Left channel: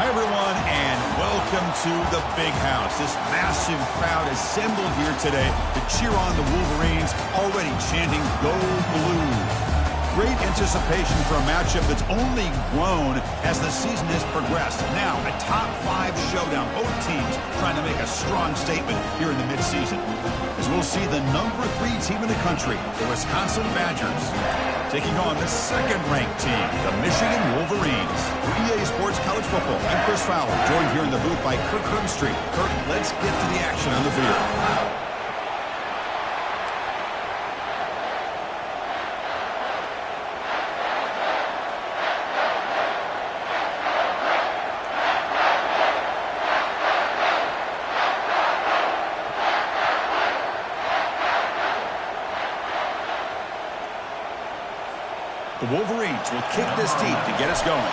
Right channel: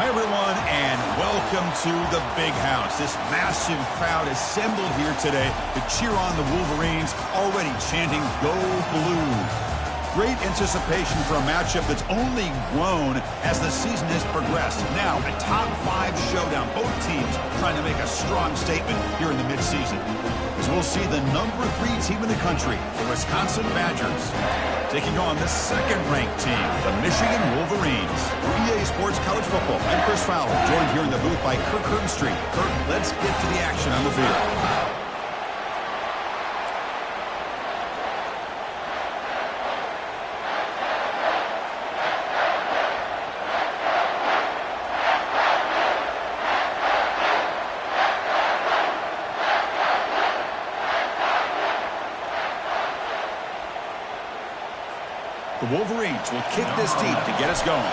Hi, everyone, and welcome to the Big House. This massive crowd assembled here today to cheer on the Wolverines, already chanting, "Go Blue." Great anticipation for a matchup that's only grown as the season has progressed. Now, a top-5 showdown. Both teams trying to make a strong statement here in the midseason. As we'll see the number 3 team in the country, the Wisconsin Badgers, taking on the second-ranked team, the Michigan Wolverines. For EA Sports College Football, I'm Chris Fowler, joined here in the booth by Kirk Herbstreit. Kirk, let's get to the action on the field. The Wolverines will kick this deep to get us going.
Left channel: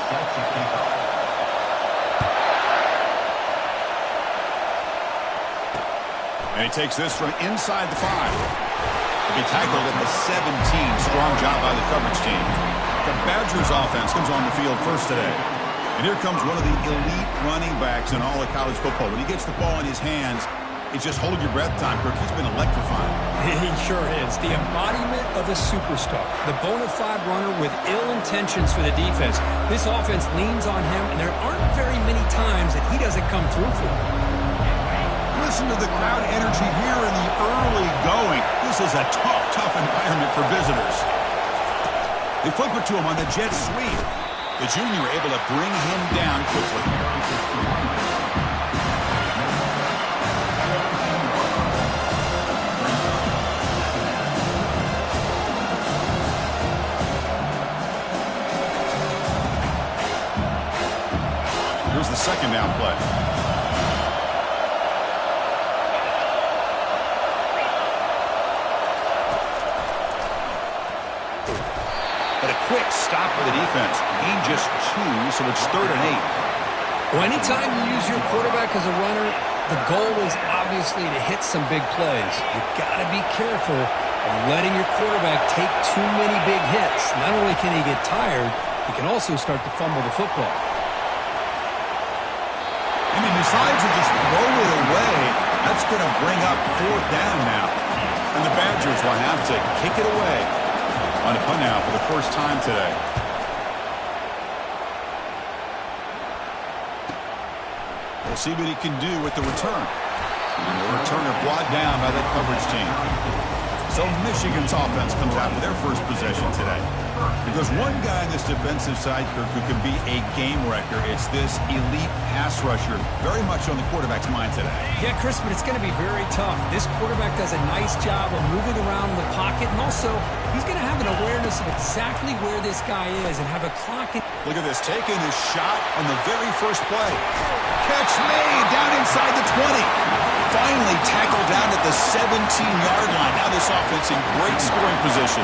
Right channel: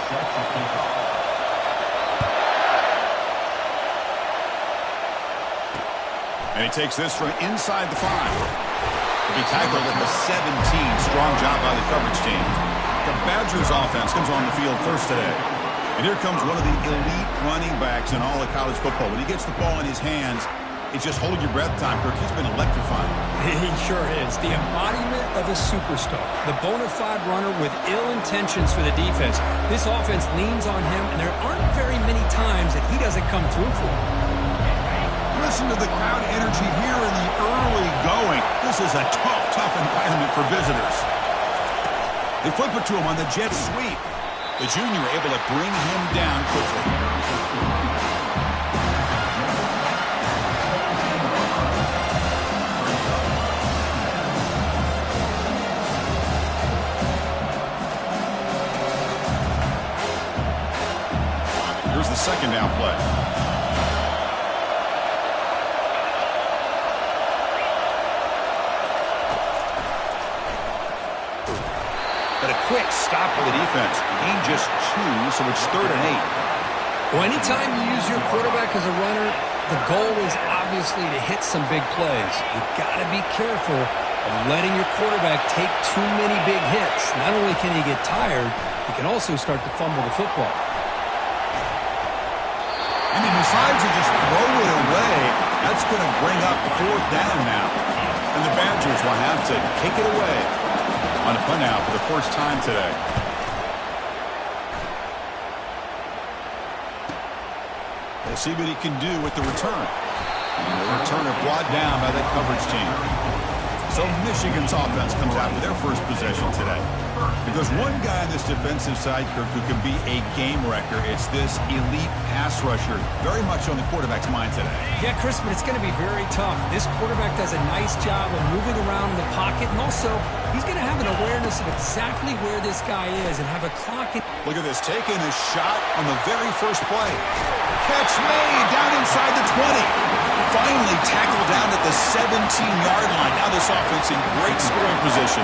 And he takes this from inside the 5. He'll be tackled at the 17. Strong job by the coverage team. The Badgers offense comes on the field first today. And here comes one of the elite running backs in all of college football. When he gets the ball in his hands, it's just hold your breath time, Kirk. He's been electrifying. He sure is. The embodiment of a superstar. The bona fide runner with ill intentions for the defense. This offense leans on him, and there aren't very many times that he doesn't come through for him. Listen to the crowd energy here in the early going. This is a tough environment for visitors. They flip it to him on the jet sweep. The junior able to bring him down quickly. Here's the second down play. But a quick stop for the defense. Gain just 2, so it's 3rd and 8. Well, anytime you use your quarterback as a runner, the goal is obviously to hit some big plays. You've got to be careful of letting your quarterback take too many big hits. Not only can he get tired, he can also start to fumble the football. And he decides to just throw it away. That's going to bring up 4th down now. And the Badgers will have to kick it away on a punt now for the first time today. We'll see what he can do with the return. And the returner brought down by that coverage team. So Michigan's offense comes out with their first possession today. If there's one guy on this defensive side, Kirk, who can be a game wrecker, it's this elite pass rusher, very much on the quarterback's mind today. Yeah, Chris, but it's going to be very tough. This quarterback does a nice job of moving around in the pocket, and also he's going to have an awareness of exactly where this guy is and have a clock. Look at this, taking a shot on the very first play. Catch made down inside the 20. Finally tackled down at the 17-yard line. Now this offense in great scoring position.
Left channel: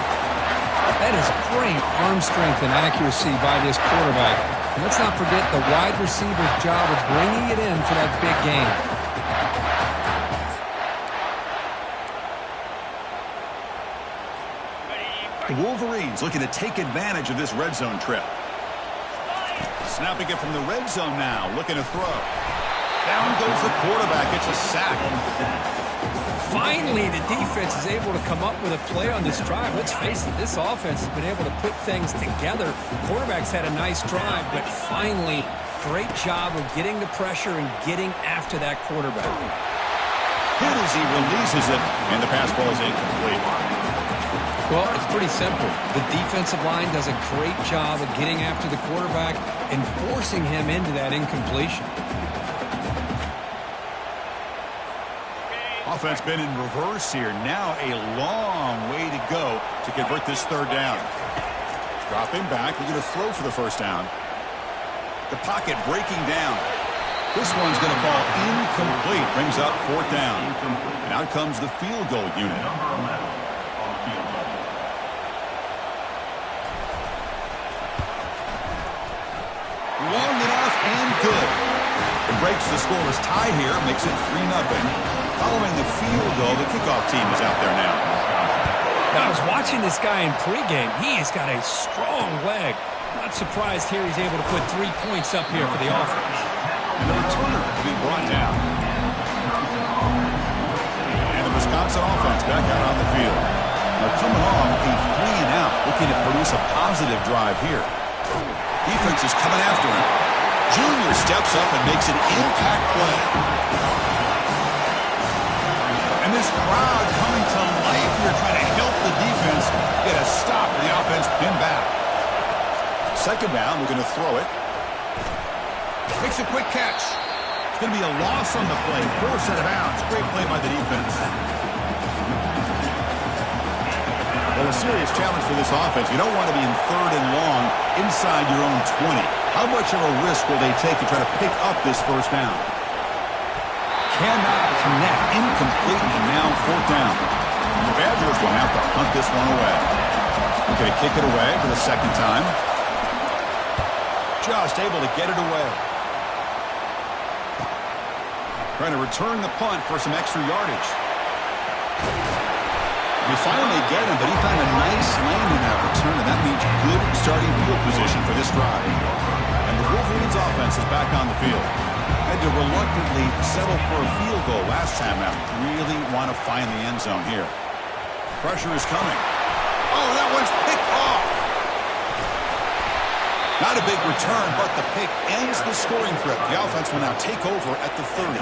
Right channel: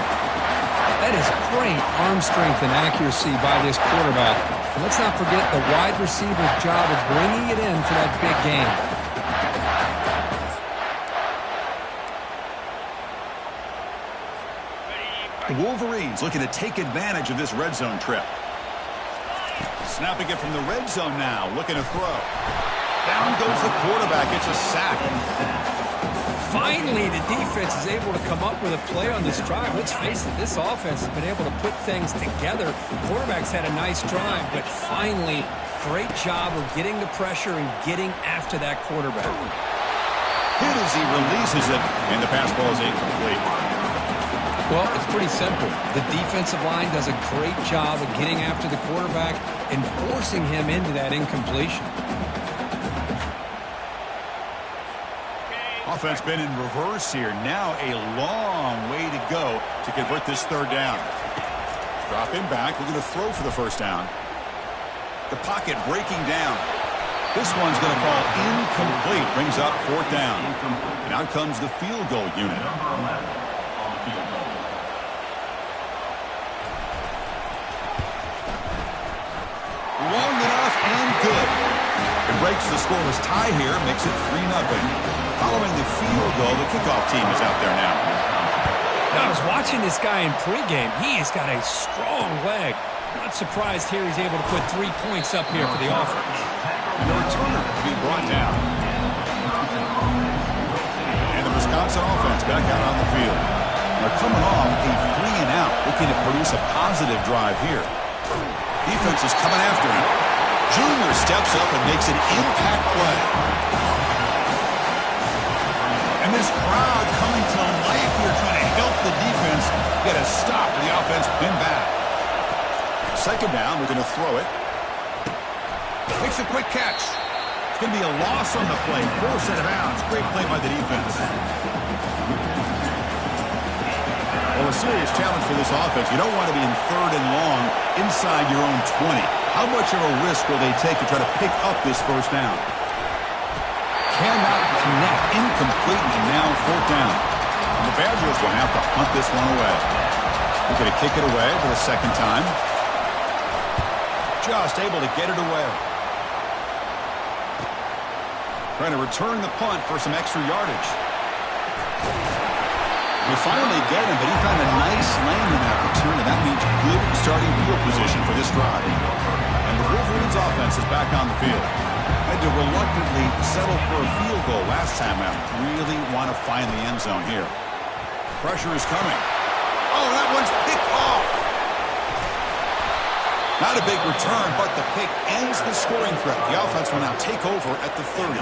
That is great arm strength and accuracy by this quarterback. And let's not forget the wide receiver's job of bringing it in for that big game. The Wolverines looking to take advantage of this red zone trip. Snapping it from the red zone now, looking to throw. Down goes the quarterback. It's a sack. Finally, the defense is able to come up with a play on this drive. Let's face it, this offense has been able to put things together. Quarterback's had a nice drive, but finally, great job of getting the pressure and getting after that quarterback. Hit as he releases it, and the pass ball is incomplete. Well, it's pretty simple. The defensive line does a great job of getting after the quarterback and forcing him into that incompletion. Offense been in reverse here. Now a long way to go to convert this 3rd down. Dropping back. We're going to throw for the first down. The pocket breaking down. This one's going to fall incomplete. Brings up 4th down. And out comes the field goal unit. Long enough and good. It breaks the scoreless tie here. Makes it 3-0. Following the field goal, the kickoff team is out there now. Now, I was watching this guy in pregame. He has got a strong leg. Not surprised here he's able to put 3 points up here for the offense. And the returner to be brought down. And the Wisconsin offense back out on the field. They're coming off a 3-and-out, looking to produce a positive drive here. Defense is coming after him. Junior steps up and makes an impact play. And this crowd coming to life here, trying to help the defense get a stop for the offense pinned back. Second down, we're going to throw it. Makes a quick catch. It's going to be a loss on the play. Forced out of bounds. Great play by the defense. Well, a serious challenge for this offense. You don't want to be in 3rd and long inside your own 20. How much of a risk will they take to try to pick up this first down? Cannot connect. Incomplete, and now 4th down. And the Badgers will have to hunt this one away. We're going to kick it away for the second time. Just able to get it away. Trying to return the punt for some extra yardage. We finally get him, but he found a nice lane in that return, and that means good starting field position for this drive. And the Wolverines offense is back on the field. Had to reluctantly settle for a field goal last time out. Really want to find the end zone here. Pressure is coming. Oh, that one's picked off. Not a big return, but the pick ends the scoring threat. The offense will now take over at the 30.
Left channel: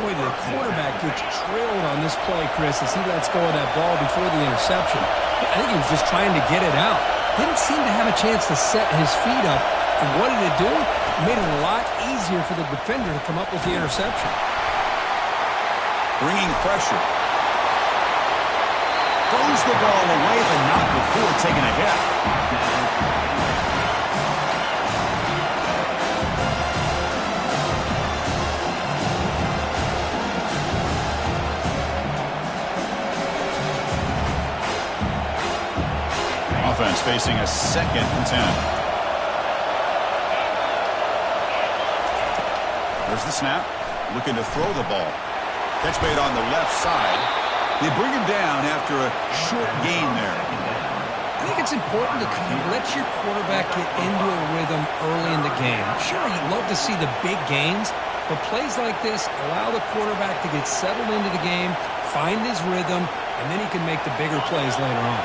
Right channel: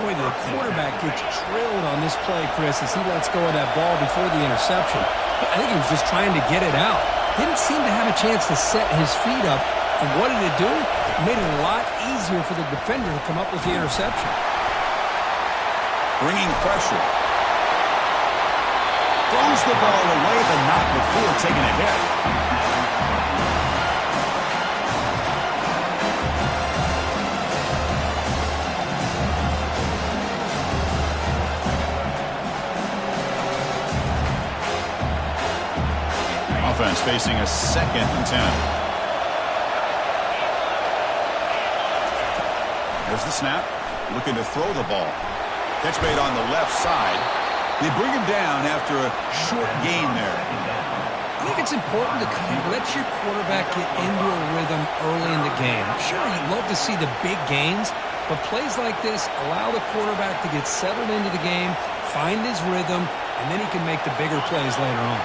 Boy, the quarterback gets drilled on this play, Chris, as he lets go of that ball before the interception. I think he was just trying to get it out. Didn't seem to have a chance to set his feet up. And what did it do? It made it a lot easier for the defender to come up with the interception. Bringing pressure. Throws the ball away, but not before taking a hit. Offense facing a 2nd and 10. There's the snap. Looking to throw the ball. Catch made on the left side. They bring him down after a short gain there. I think it's important to kind of let your quarterback get into a rhythm early in the game. Sure, you'd love to see the big gains, but plays like this allow the quarterback to get settled into the game, find his rhythm, and then he can make the bigger plays later on.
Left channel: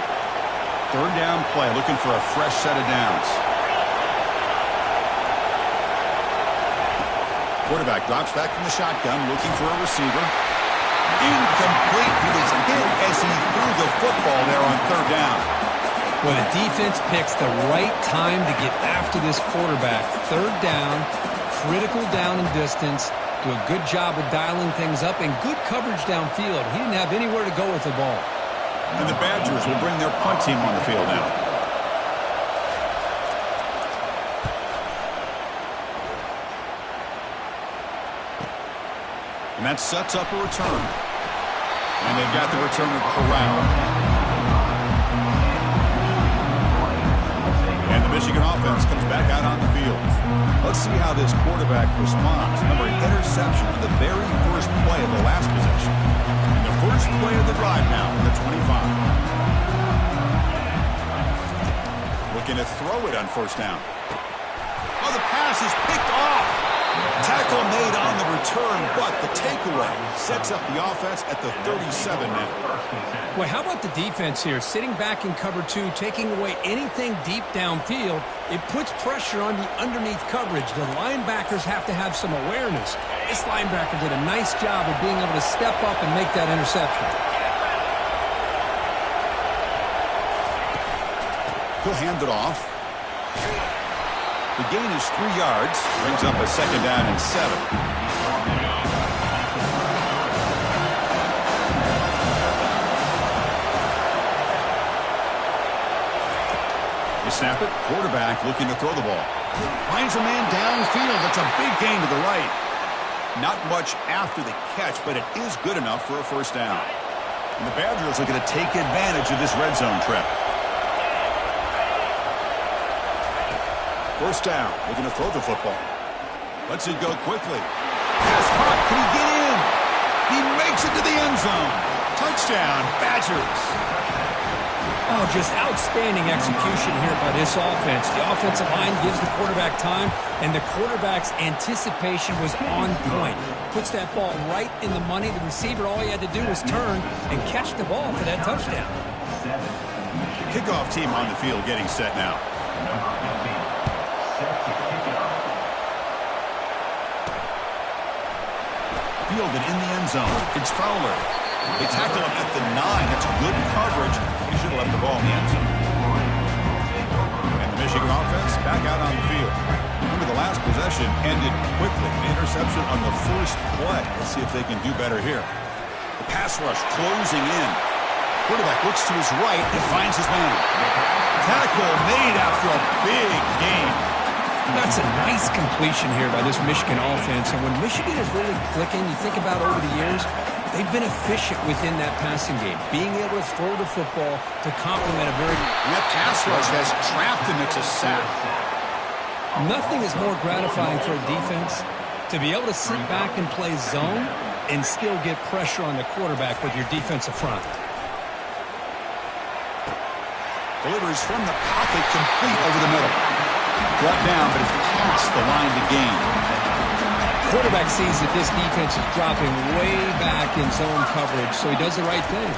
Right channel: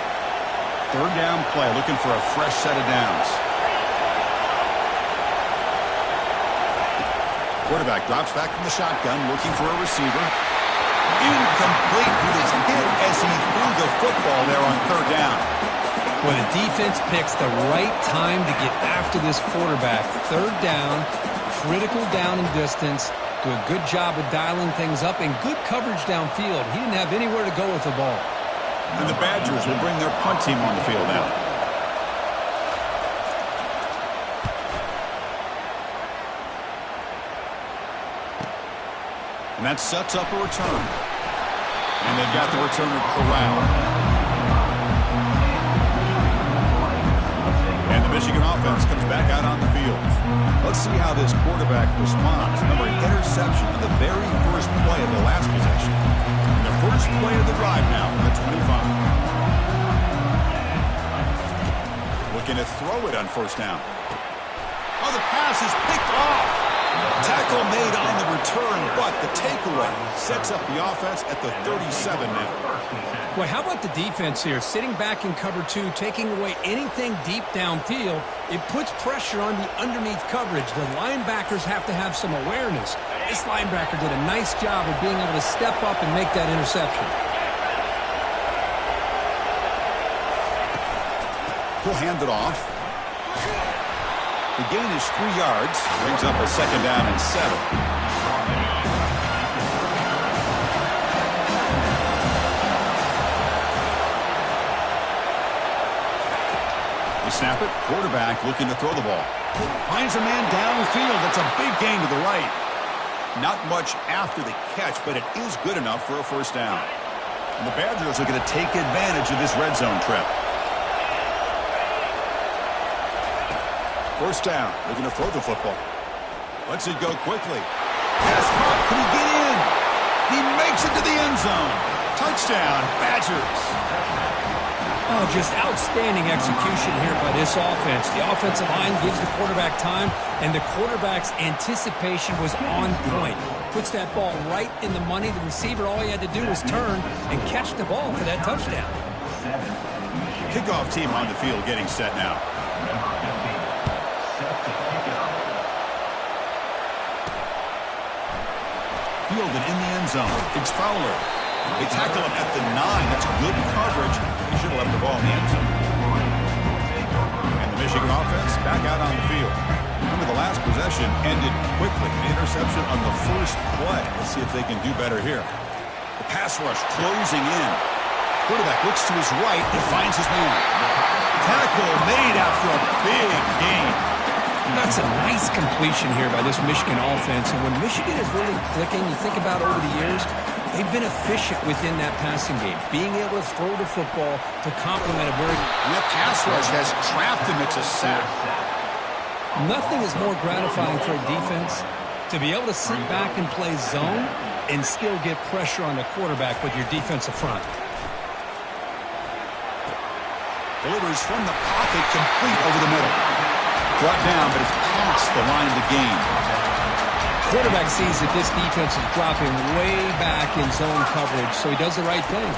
3rd down play, looking for a fresh set of downs. Quarterback drops back from the shotgun, looking for a receiver. Incomplete. He was hit as he threw the football there on 3rd down. Well, the defense picks the right time to get after this quarterback. 3rd down, critical down and distance. Do a good job of dialing things up and good coverage downfield. He didn't have anywhere to go with the ball. And the Badgers will bring their punt team on the field now. And that sets up a return. And they've got the returner corralled. And the Michigan offense comes back out on the field. Let's see how this quarterback responds. Remember, an interception on the very first play of the last possession. And the first play of the drive now from the 25. Looking to throw it on 1st down. Oh, the pass is picked off. Tackle made on the return, but the takeaway sets up the offense at the 37 now. Well, how about the defense here? Sitting back in cover 2, taking away anything deep downfield. It puts pressure on the underneath coverage. The linebackers have to have some awareness. This linebacker did a nice job of being able to step up and make that interception. He'll hand it off. The gain is 3 yards. Brings up a 2nd down and 7. They snap it. Quarterback looking to throw the ball. Finds a man downfield. That's a big gain to the right. Not much after the catch, but it is good enough for a 1st down. And the Badgers are going to take advantage of this red zone trip. 1st down, looking to throw the football. Lets it go quickly. Pass caught. Can he get in? He makes it to the end zone. Touchdown, Badgers. Oh, just outstanding execution here by this offense. The offensive line gives the quarterback time, and the quarterback's anticipation was on point. Puts that ball right in the money. The receiver, all he had to do was turn and catch the ball for that touchdown. Kickoff team on the field getting set now. Number 15, set to kick it off. Fielded in the end zone. It's Fowler. They tackle him at the 9. That's good coverage. He should have left the ball in the end zone. And the Michigan offense back out on the field. Remember, the last possession ended quickly. An interception on the first play. Let's see if they can do better here. The pass rush closing in. Quarterback looks to his right and finds his man. Tackle made after a big gain. That's a nice completion here by this Michigan offense. And when Michigan is really clicking, you think about over the years, they've been efficient within that passing game, being able to throw the football to complement a very... And that pass rush has trapped him. It's a sack. Nothing is more gratifying for a defense to be able to sit back and play zone and still get pressure on the quarterback with your defensive front. Delivers from the pocket, complete over the middle. Brought down, but it's past the line to gain. Quarterback sees that this defense is dropping way back in zone coverage, so he does the right thing.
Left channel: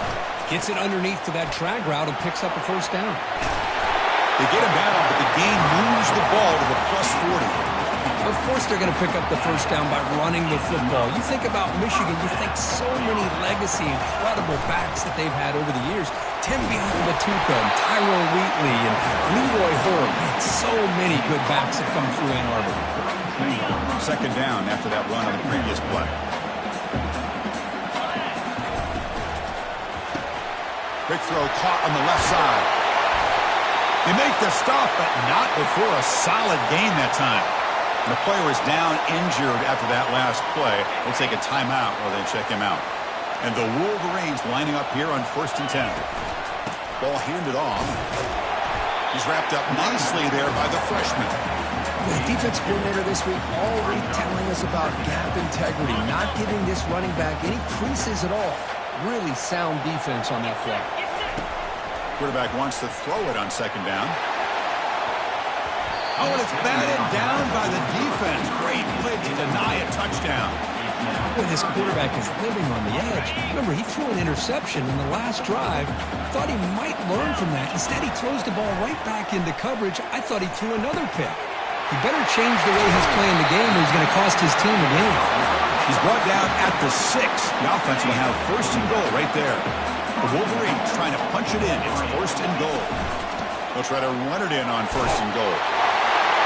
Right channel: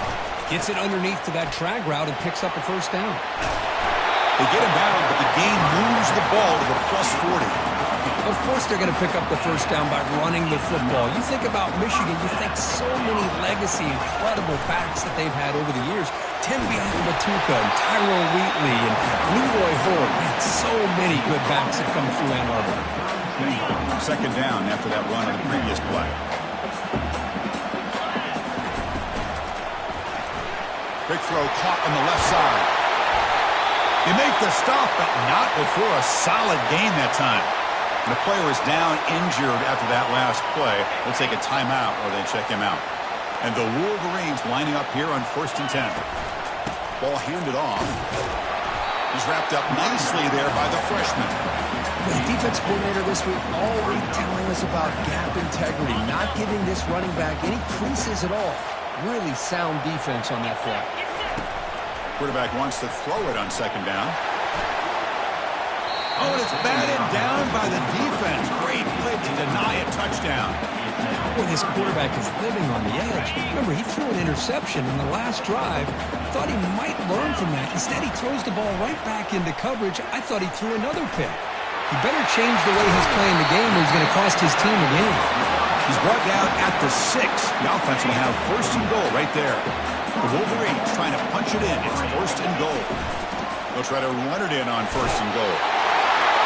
Gets it underneath to that drag route and picks up a first down. They get him down, but the gain moves the ball to the plus 40. Of course they're going to pick up the first down by running the football. You think about Michigan, you think so many legacy, incredible backs that they've had over the years. Tim Batuka and Tyrone Wheatley and Leroy Hoare. Man, so many good backs have come through Ann Arbor. Second down after that run on the previous play. Quick throw caught on the left side. They make the stop, but not before a solid gain that time. And the player is down injured after that last play. They'll take a timeout or they check him out. And the Wolverines lining up here on 1st and 10. Ball handed off. He's wrapped up nicely there by the freshman. The defense coordinator this week already telling us about gap integrity, not giving this running back any creases at all. Really sound defense on that play. Quarterback wants to throw it on second down. Oh, and it's batted down by the defense. Great play to deny a touchdown. Boy, this quarterback is living on the edge. Remember, he threw an interception in the last drive. Thought he might learn from that. Instead, he throws the ball right back into coverage. I thought he threw another pick. He better change the way he's playing the game or he's going to cost his team a game. He's brought down at the 6. The offense will have 1st and goal right there. The Wolverines trying to punch it in. It's 1st and goal. They'll try to run it in on 1st and goal.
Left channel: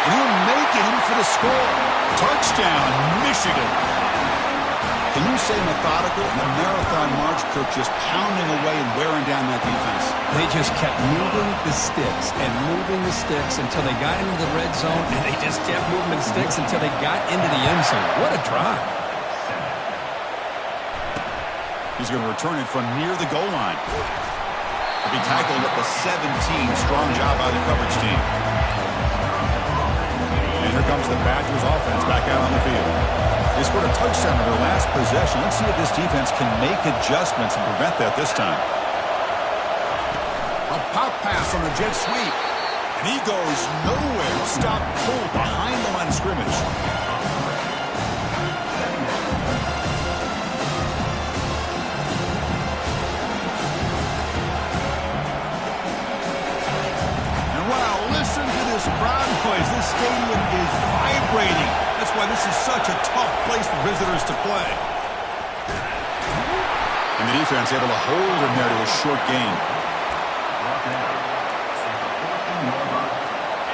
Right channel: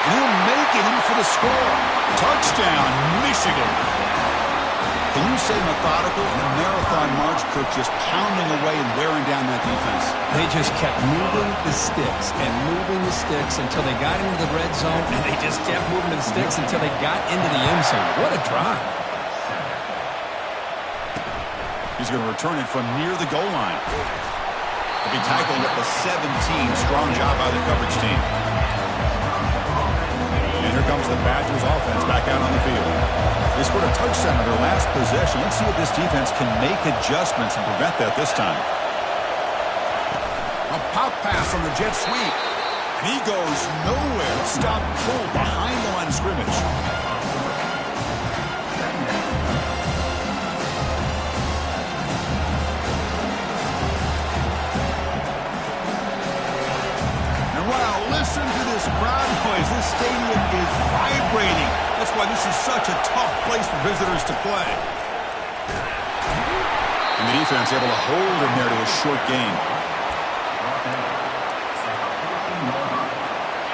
And he'll make it in for the score. Touchdown, Michigan. Can you say methodical? The marathon march, Kirk, just pounding away and wearing down that defense. They just kept moving the sticks and moving the sticks until they got into the red zone, and they just kept moving the sticks until they got into the end zone. What a drive. He's going to return it from near the goal line. He'll be tackled at the 17. Strong job by the coverage team. And here comes the Badgers offense back out on the field. They scored a touchdown on their last possession. Let's see if this defense can make adjustments and prevent that this time. A pop pass on the jet sweep. And he goes nowhere. Stop cold behind the line of scrimmage. Wow, listen to this crowd noise. This stadium is vibrating. That's why this is such a tough place for visitors to play. And the defense able to hold him there to a short gain.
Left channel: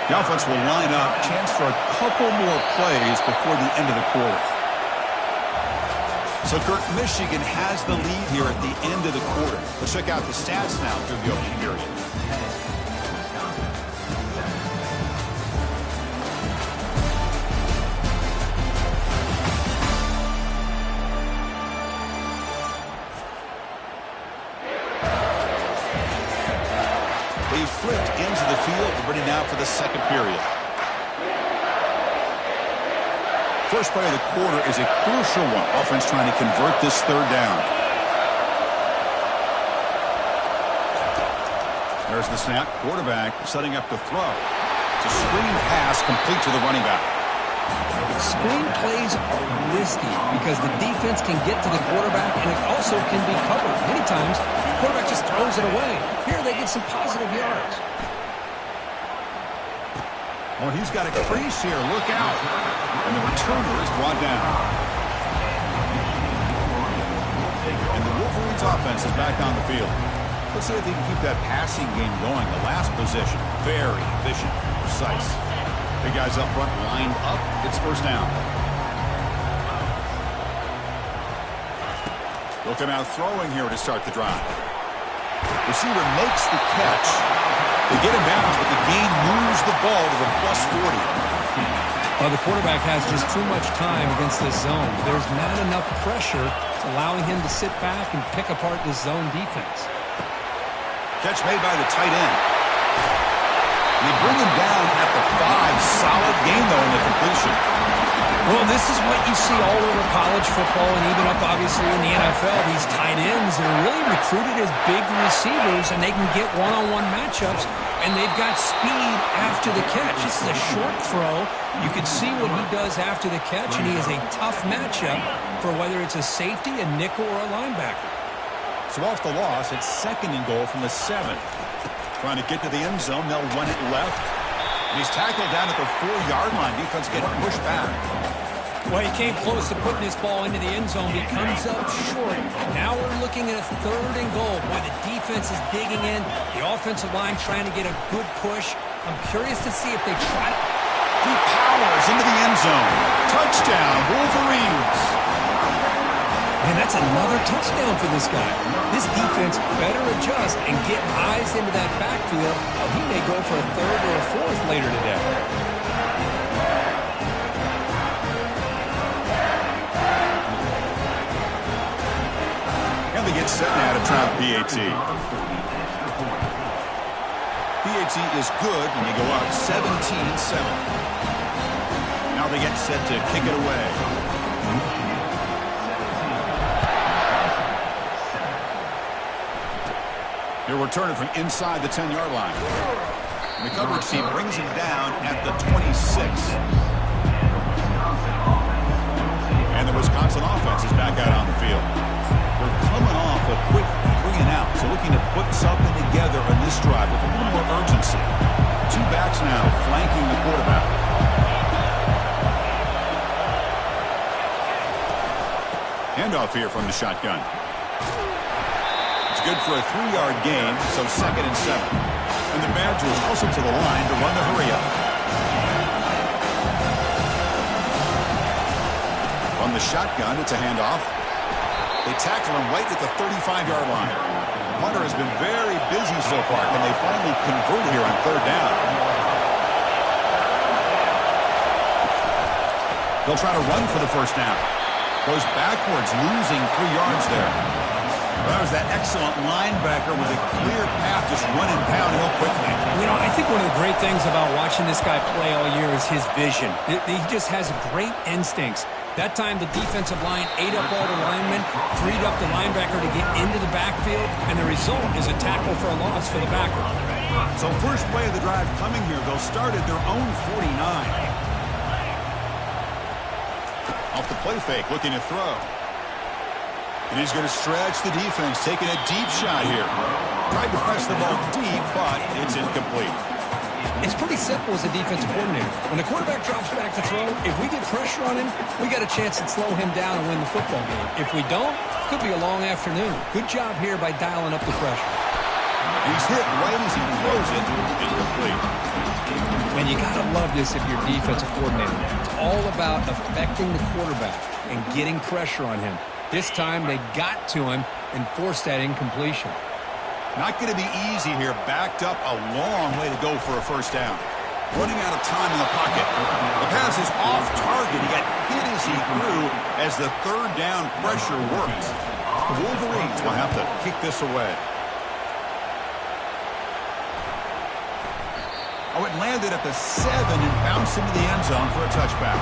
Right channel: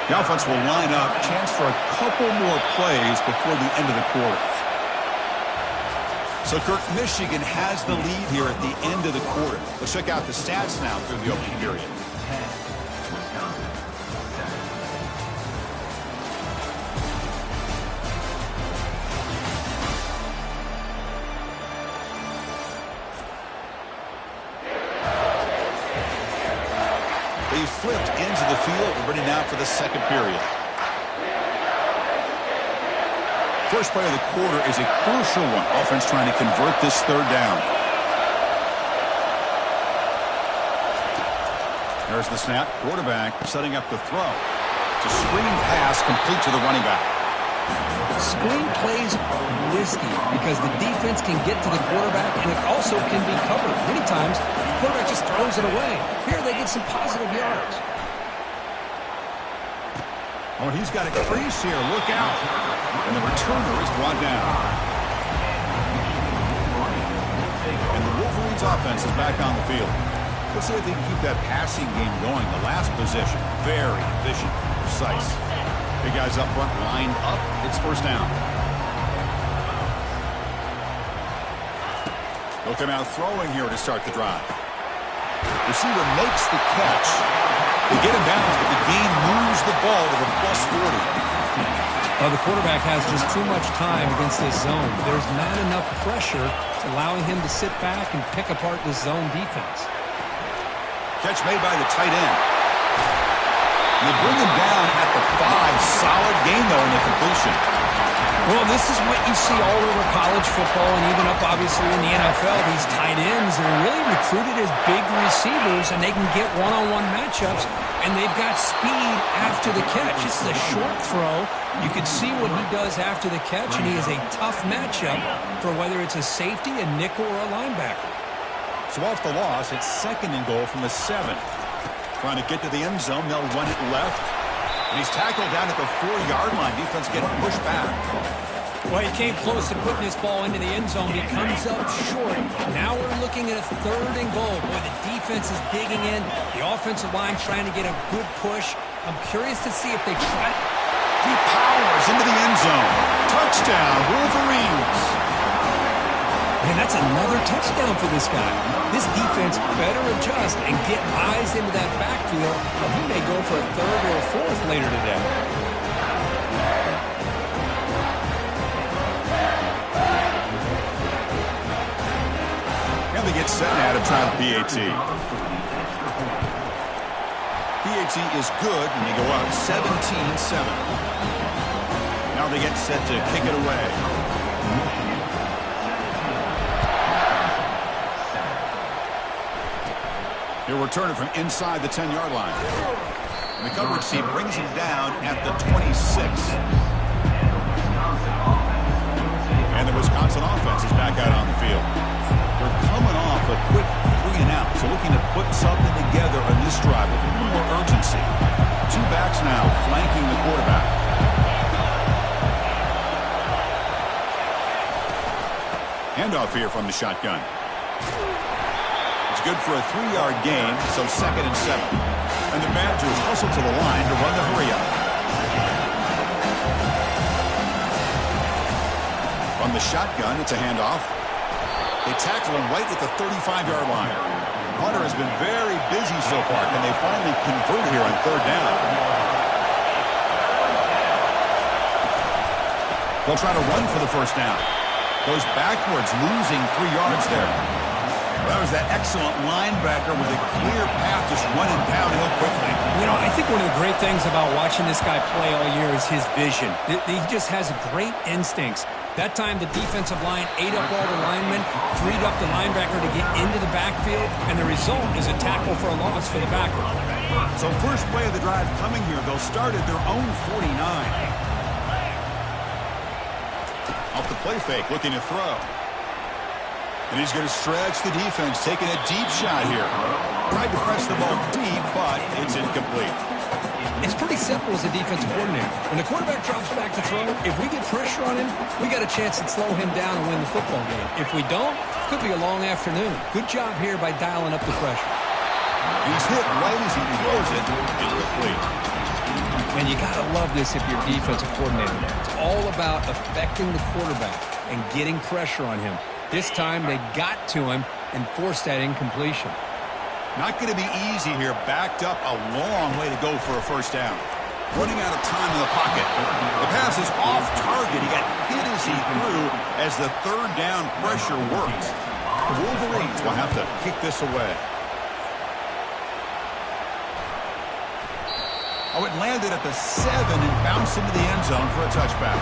The offense will line up. Chance for a couple more plays before the end of the quarter. So, Kirk, Michigan has the lead here at the end of the quarter. Let's check out the stats now through the opening period. They flipped into the field. We're ready now for the second period. First play of the quarter is a crucial one. Offense trying to convert this third down. There's the snap. Quarterback setting up the throw. It's a screen pass complete to the running back. Screen plays are risky because the defense can get to the quarterback, and it also can be covered. Many times, the quarterback just throws it away. Here, they get some positive yards. Oh, he's got a crease here. Look out. And the returner is brought down. And the Wolverines offense is back on the field. Let's see if they can keep that passing game going. The last possession, very efficient, precise. Big guys up front lined up. It's first down. They'll come out throwing here to start the drive. Receiver makes the catch. They get him down, but the game moves the ball to the +40. The quarterback has just too much time against this zone. There's not enough pressure. It's allowing him to sit back and pick apart this zone defense. Catch made by the tight end. And they bring him down at the 5. Solid gain, though, in the completion. Well, this is what you see all over college football and even up, obviously, in the NFL. These tight ends are really recruited as big receivers, and they can get one-on-one matchups, and they've got speed after the catch. This is a short throw. You can see what he does after the catch, and he is a tough matchup for whether it's a safety, a nickel, or a linebacker. So off the loss, it's 2nd and goal from the 7. Trying to get to the end zone. They'll run it left. And he's tackled down at the 4-yard line. Defense getting pushed back. Well, he came close to putting this ball into the end zone. He comes up short. Now we're looking at a 3rd and goal. Boy, the defense is digging in. The offensive line trying to get a good push. I'm curious to see if they try. He powers into the end zone. Touchdown, Wolverines. Man, that's another touchdown for this guy. This defense better adjust and get eyes into that backfield, or he may go for a 3rd or a 4th later today. And they get set now to try the PAT. PAT is good, and they go up 17-7. Now they get set to kick it away. He'll return it from inside the 10-yard line. And the coverage team brings him down at the 26. And the Wisconsin offense is back out on the field. They're coming off a quick 3-and-out, so looking to put something together on this drive with a little more urgency. 2 backs now flanking the quarterback. Handoff here from the shotgun. It's good for a 3-yard gain, so 2nd and 7. And the Badgers hustle to the line to run the hurry-up. From the shotgun, it's a handoff. They tackle him right at the 35-yard line. Hunter has been very busy so far. Can they finally convert here on 3rd down? They'll try to run for the first down. Goes backwards, losing 3 yards there. That was that excellent linebacker with a clear path just running downhill quickly. You know, I think one of the great things about watching this guy play all year is his vision. He just has great instincts. That time, the defensive line ate up all the linemen, freed up the linebacker to get into the backfield, and the result is a tackle for a loss for the backer. So first play of the drive coming here. They'll start at their own 49. Off the play fake, looking to throw. And he's going to stretch the defense, taking a deep shot here. Tried to press the ball deep, but it's incomplete. It's pretty simple as a defensive coordinator. When the quarterback drops back to throw, if we get pressure on him, we got a chance to slow him down and win the football game. If we don't, it could be a long afternoon. Good job here by dialing up the pressure. And he's hit right as he throws it. Incomplete. Man, you got to love this if you're a defensive coordinator. It's all about affecting the quarterback and getting pressure on him. This time, they got to him and forced that incompletion. Not going to be easy here. Backed up a long way to go for a first down. Running out of time in the pocket. The pass is off target. He got hit as he threw as the 3rd down pressure worked. The Wolverines will have to kick this away. Oh, it landed at the 7 and bounced into the end zone for a touchback.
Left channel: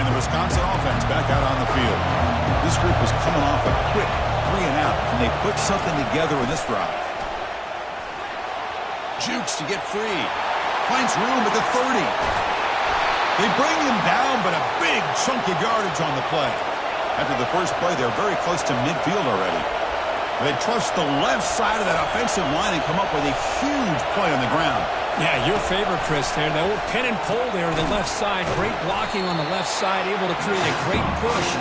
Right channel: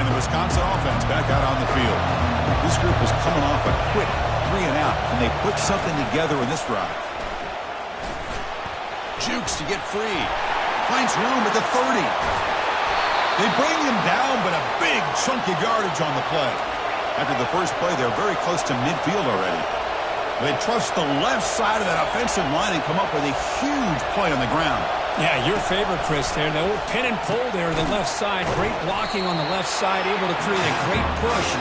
And the Wisconsin offense back out on the field. This group was coming off a quick 3-and-out, and they put something together in this drive. Jukes to get free. Finds room at the 30. They bring him down, but a big chunk of yardage on the play. After the first play, they're very close to midfield already. They trust the left side of that offensive line and come up with a huge play on the ground. Yeah, your favorite, Chris, there. The old pin and pull there on the left side. Great blocking on the left side, able to create a great push.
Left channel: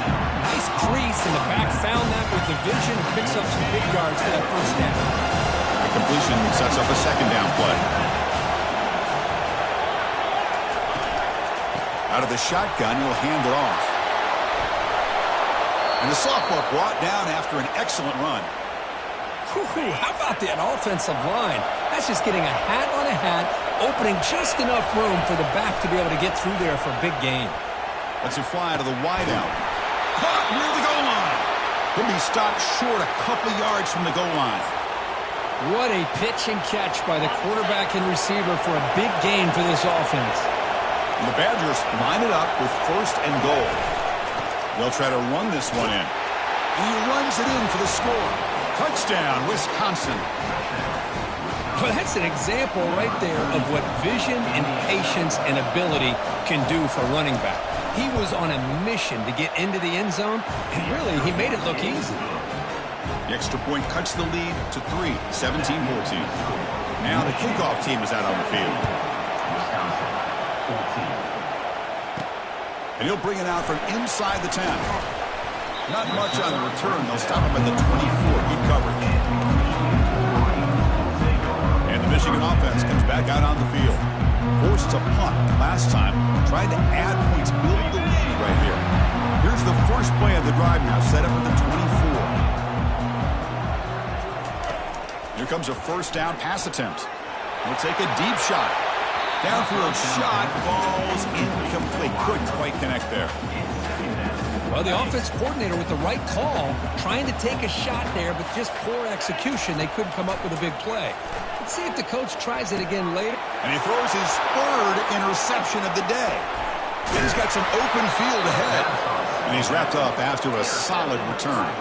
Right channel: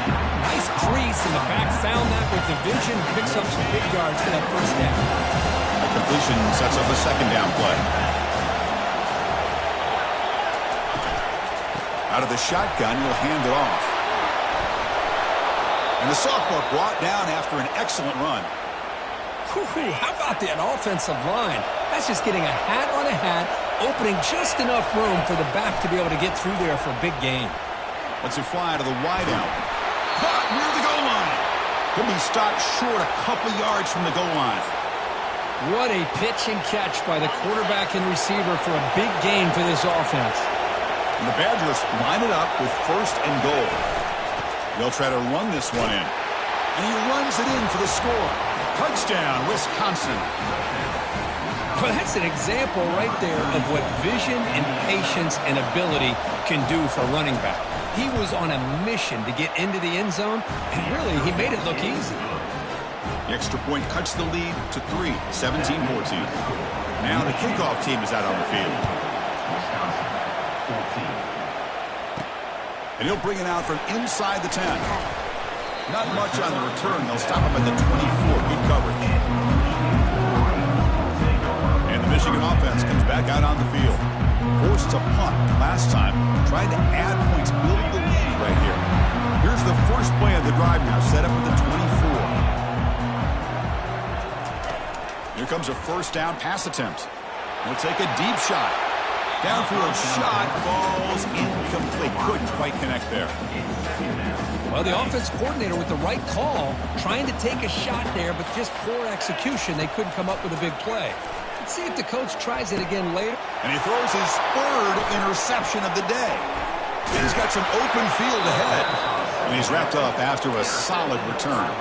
Nice crease in the back. Found that with the vision. Picks up some big yards for that first down. A completion sets up a second down play. Out of the shotgun, he'll hand it off. And the sophomore brought down after an excellent run. Whew, how about that offensive line? That's just getting a hat on a hat, opening just enough room for the back to be able to get through there for a big gain. Lets it fly to the wideout. Caught near the goal line. He'll be stopped short a couple yards from the goal line. What a pitch and catch by the quarterback and receiver for a big gain for this offense. And the Badgers line it up with first and goal. They'll try to run this one in. And he runs it in for the score. Touchdown, Wisconsin. Well, that's an example right there of what vision and patience and ability can do for a running back. He was on a mission to get into the end zone, and really, he made it look easy. The extra point cuts the lead to 3, 17-14. Now the kickoff team is out on the field. Wisconsin, 14. And he'll bring it out from inside the 10. Not much on the return. They'll stop him at the 24. Good coverage. And the Michigan offense comes back out on the field. Forced to punt last time. Trying to add points, build the lead right here. Here's the first play of the drive now, set up at the 24. Here comes a first down pass attempt. We'll take a deep shot. Downfield shot falls incomplete. Couldn't quite connect there. Well, the offense coordinator with the right call, trying to take a shot there, but just poor execution. They couldn't come up with a big play. Let's see if the coach tries it again later. And he throws his third interception of the day. He's got some open field ahead. And he's wrapped up after a solid return.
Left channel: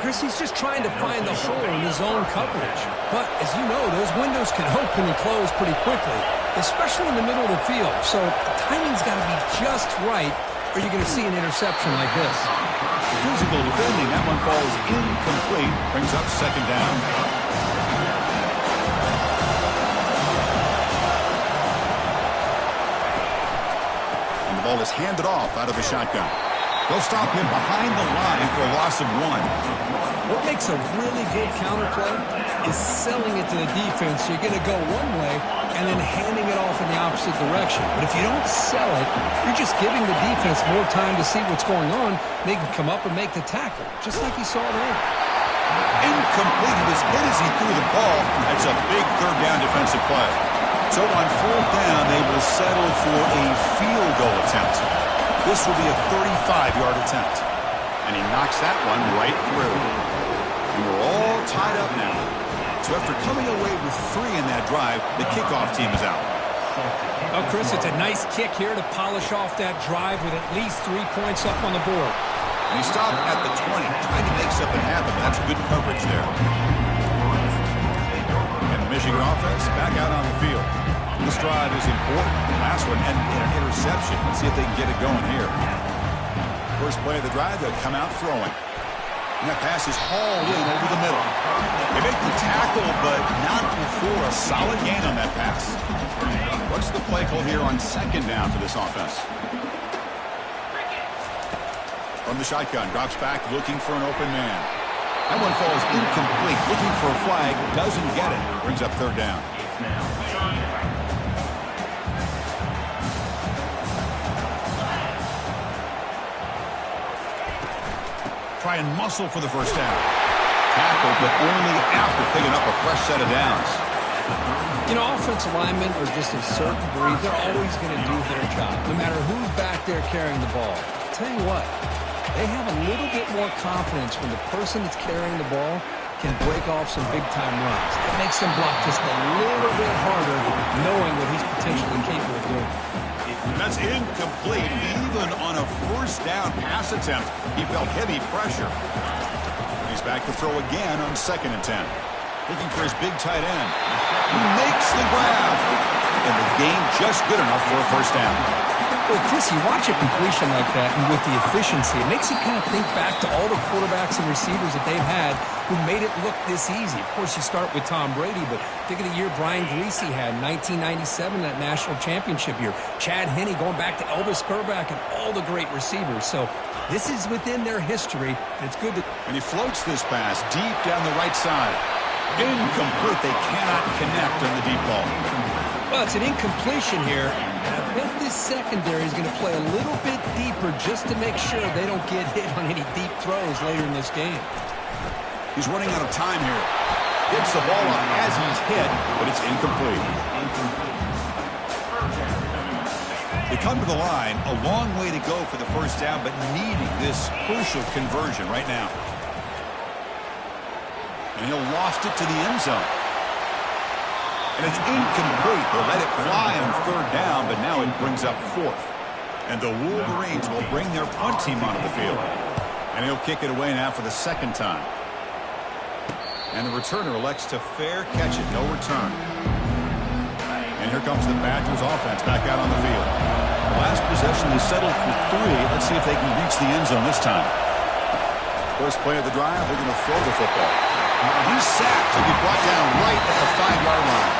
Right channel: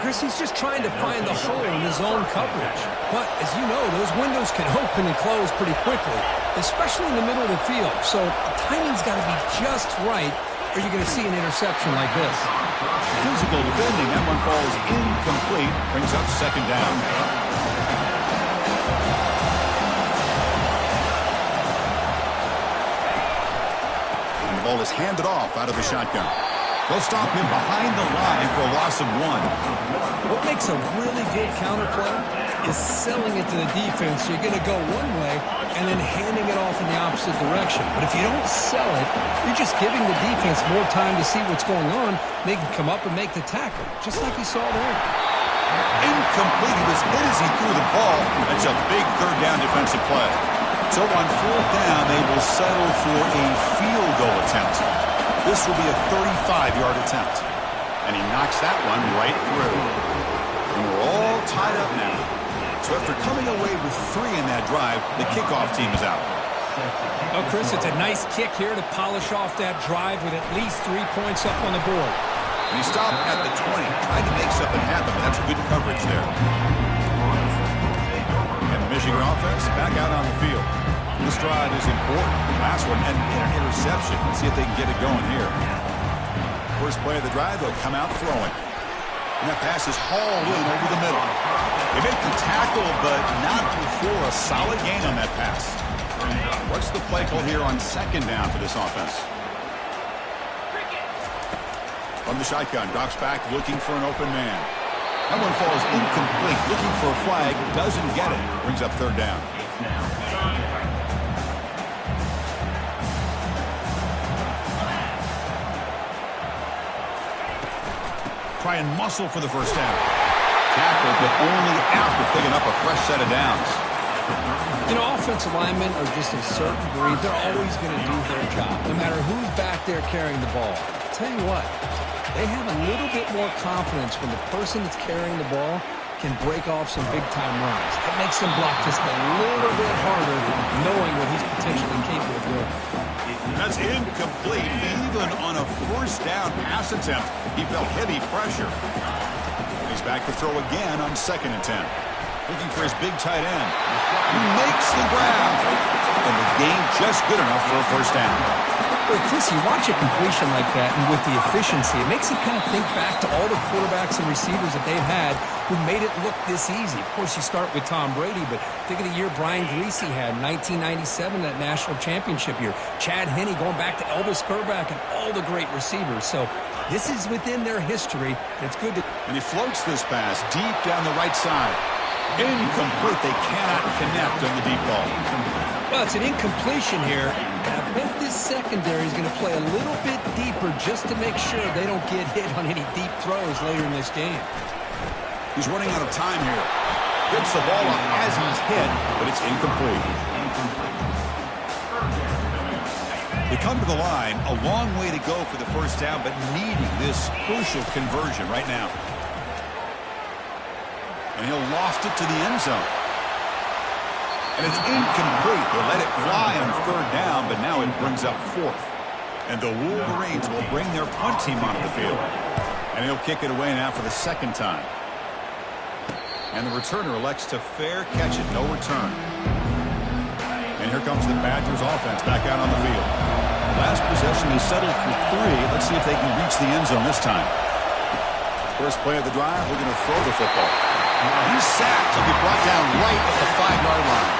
Chris, he's just trying to find the hole in his own coverage. But, as you know, those windows can open and close pretty quickly, especially in the middle of the field. So the timing's got to be just right, or you're going to see an interception like this. Physical defending. That one falls incomplete. Brings up second down. And the ball is handed off out of the shotgun. They'll stop him behind the line for a loss of 1. What makes a really good counterplay is selling it to the defense. You're going to go one way and then handing it off in the opposite direction. But if you don't sell it, you're just giving the defense more time to see what's going on. They can come up and make the tackle, just like you saw there. Incomplete. He was hit as he threw the ball. That's a big third down defensive play. So on fourth down, they will settle for a field goal attempt. This will be a 35-yard attempt. And he knocks that one right through. And we're all tied up now. So after coming away with 3 in that drive, the kickoff team is out. Oh, Chris, it's a nice kick here to polish off that drive with at least 3 points up on the board. And he stopped at the 20, trying to make something happen. That's good coverage there. And the Michigan offense back out on the field. This drive is important. Last one and an interception. Let's see if they can get it going here. First play of the drive, they'll come out throwing. And that pass is hauled in over the middle. They make the tackle, but not before a solid gain on that pass. What's the play call here on second down for this offense? From the shotgun, drops back, looking for an open man. That one falls incomplete. Looking for a flag, doesn't get it. Brings up third down. Try and muscle for the first down. Tackled, but only after picking up a fresh set of downs. You know, offensive linemen are just a certain breed. They're always going to do their job, no matter who's back there carrying the ball. I'll tell you what, they have a little bit more confidence when the person that's carrying the ball can break off some big-time runs. It makes them block just a little bit harder, knowing what he's potentially capable of doing. That's incomplete. Even on a first down pass attempt, he felt heavy pressure. He's back to throw again on 2nd and 10. Looking for his big tight end. He makes the grab. And the gain just good enough for a first down. Well, Chris, you watch a completion like that, and with the efficiency, it makes you kind of think back to all the quarterbacks and receivers that they've had who made it look this easy. Of course, you start with Tom Brady, but think of the year Brian Griese had, 1997, that national championship year. Chad Henne going back to Elvis Grbac and all the great receivers. So this is within their history, and it's good to... And he floats this pass deep down the right side. Incomplete. They cannot connect on the deep ball. Well, it's an incompletion here. I bet this secondary is going to play a little bit deeper just to make sure they don't get hit on any deep throws later in this game. He's running out of time here. Gets the ball up as he's hit, but it's incomplete. They come to the line, a long way to go for the first down, but needing this crucial conversion right now. And he'll loft it to the end zone. And it's incomplete. They let it fly on third down, but now it brings up fourth. And the Wolverines will bring their punt team onto the field. And he'll kick it away now for the second time. And the returner elects to fair catch it, no return. And here comes the Badgers offense back out on the field. The last possession is settled for 3. Let's see if they can reach the end zone this time. First play of the drive, they're going to throw the football. He's sacked. He'll be brought down right at the 5-yard line.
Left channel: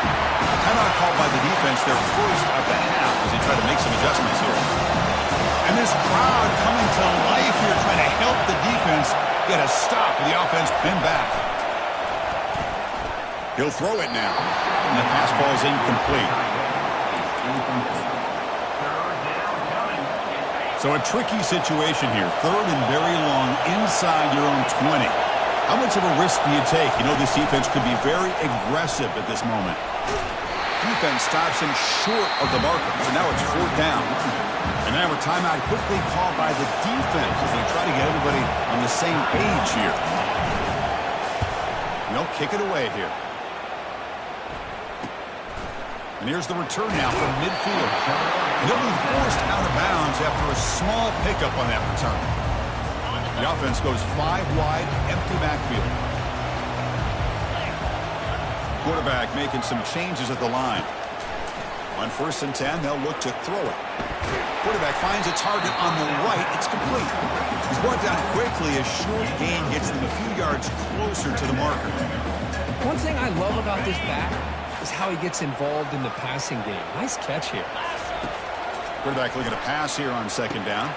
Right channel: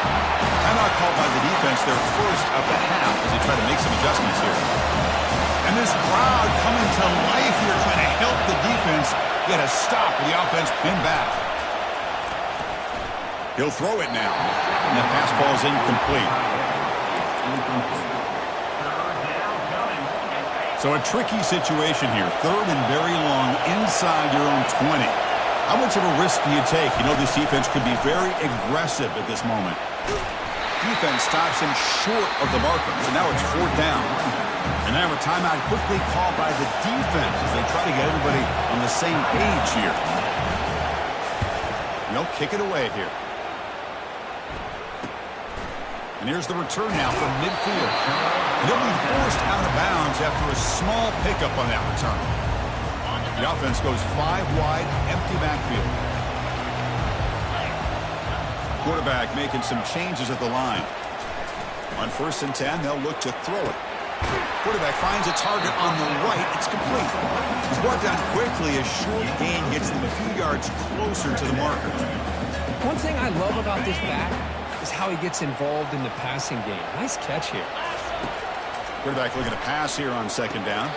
Timeout called by the defense, their first of the half, as they try to make some adjustments here. And this crowd coming to life here, trying to help the defense get a stop with the offense pinned back. He'll throw it now. And the pass ball is incomplete. So a tricky situation here. Third and very long inside your own 20. How much of a risk do you take? You know this defense could be very aggressive at this moment. Defense stops him short of the marker. So now it's fourth down. And now a timeout quickly called by the defense as they try to get everybody on the same page here. They'll kick it away here. And here's the return now from midfield. And he'll be forced out of bounds after a small pickup on that return. The offense goes 5 wide, empty backfield. Quarterback making some changes at the line. On 1st and 10, they'll look to throw it. Quarterback finds a target on the right. It's complete. He's brought down quickly. A short gain gets them a few yards closer to the marker. One thing I love about this back is how he gets involved in the passing game. Nice catch here. Quarterback looking to pass here on 2nd down.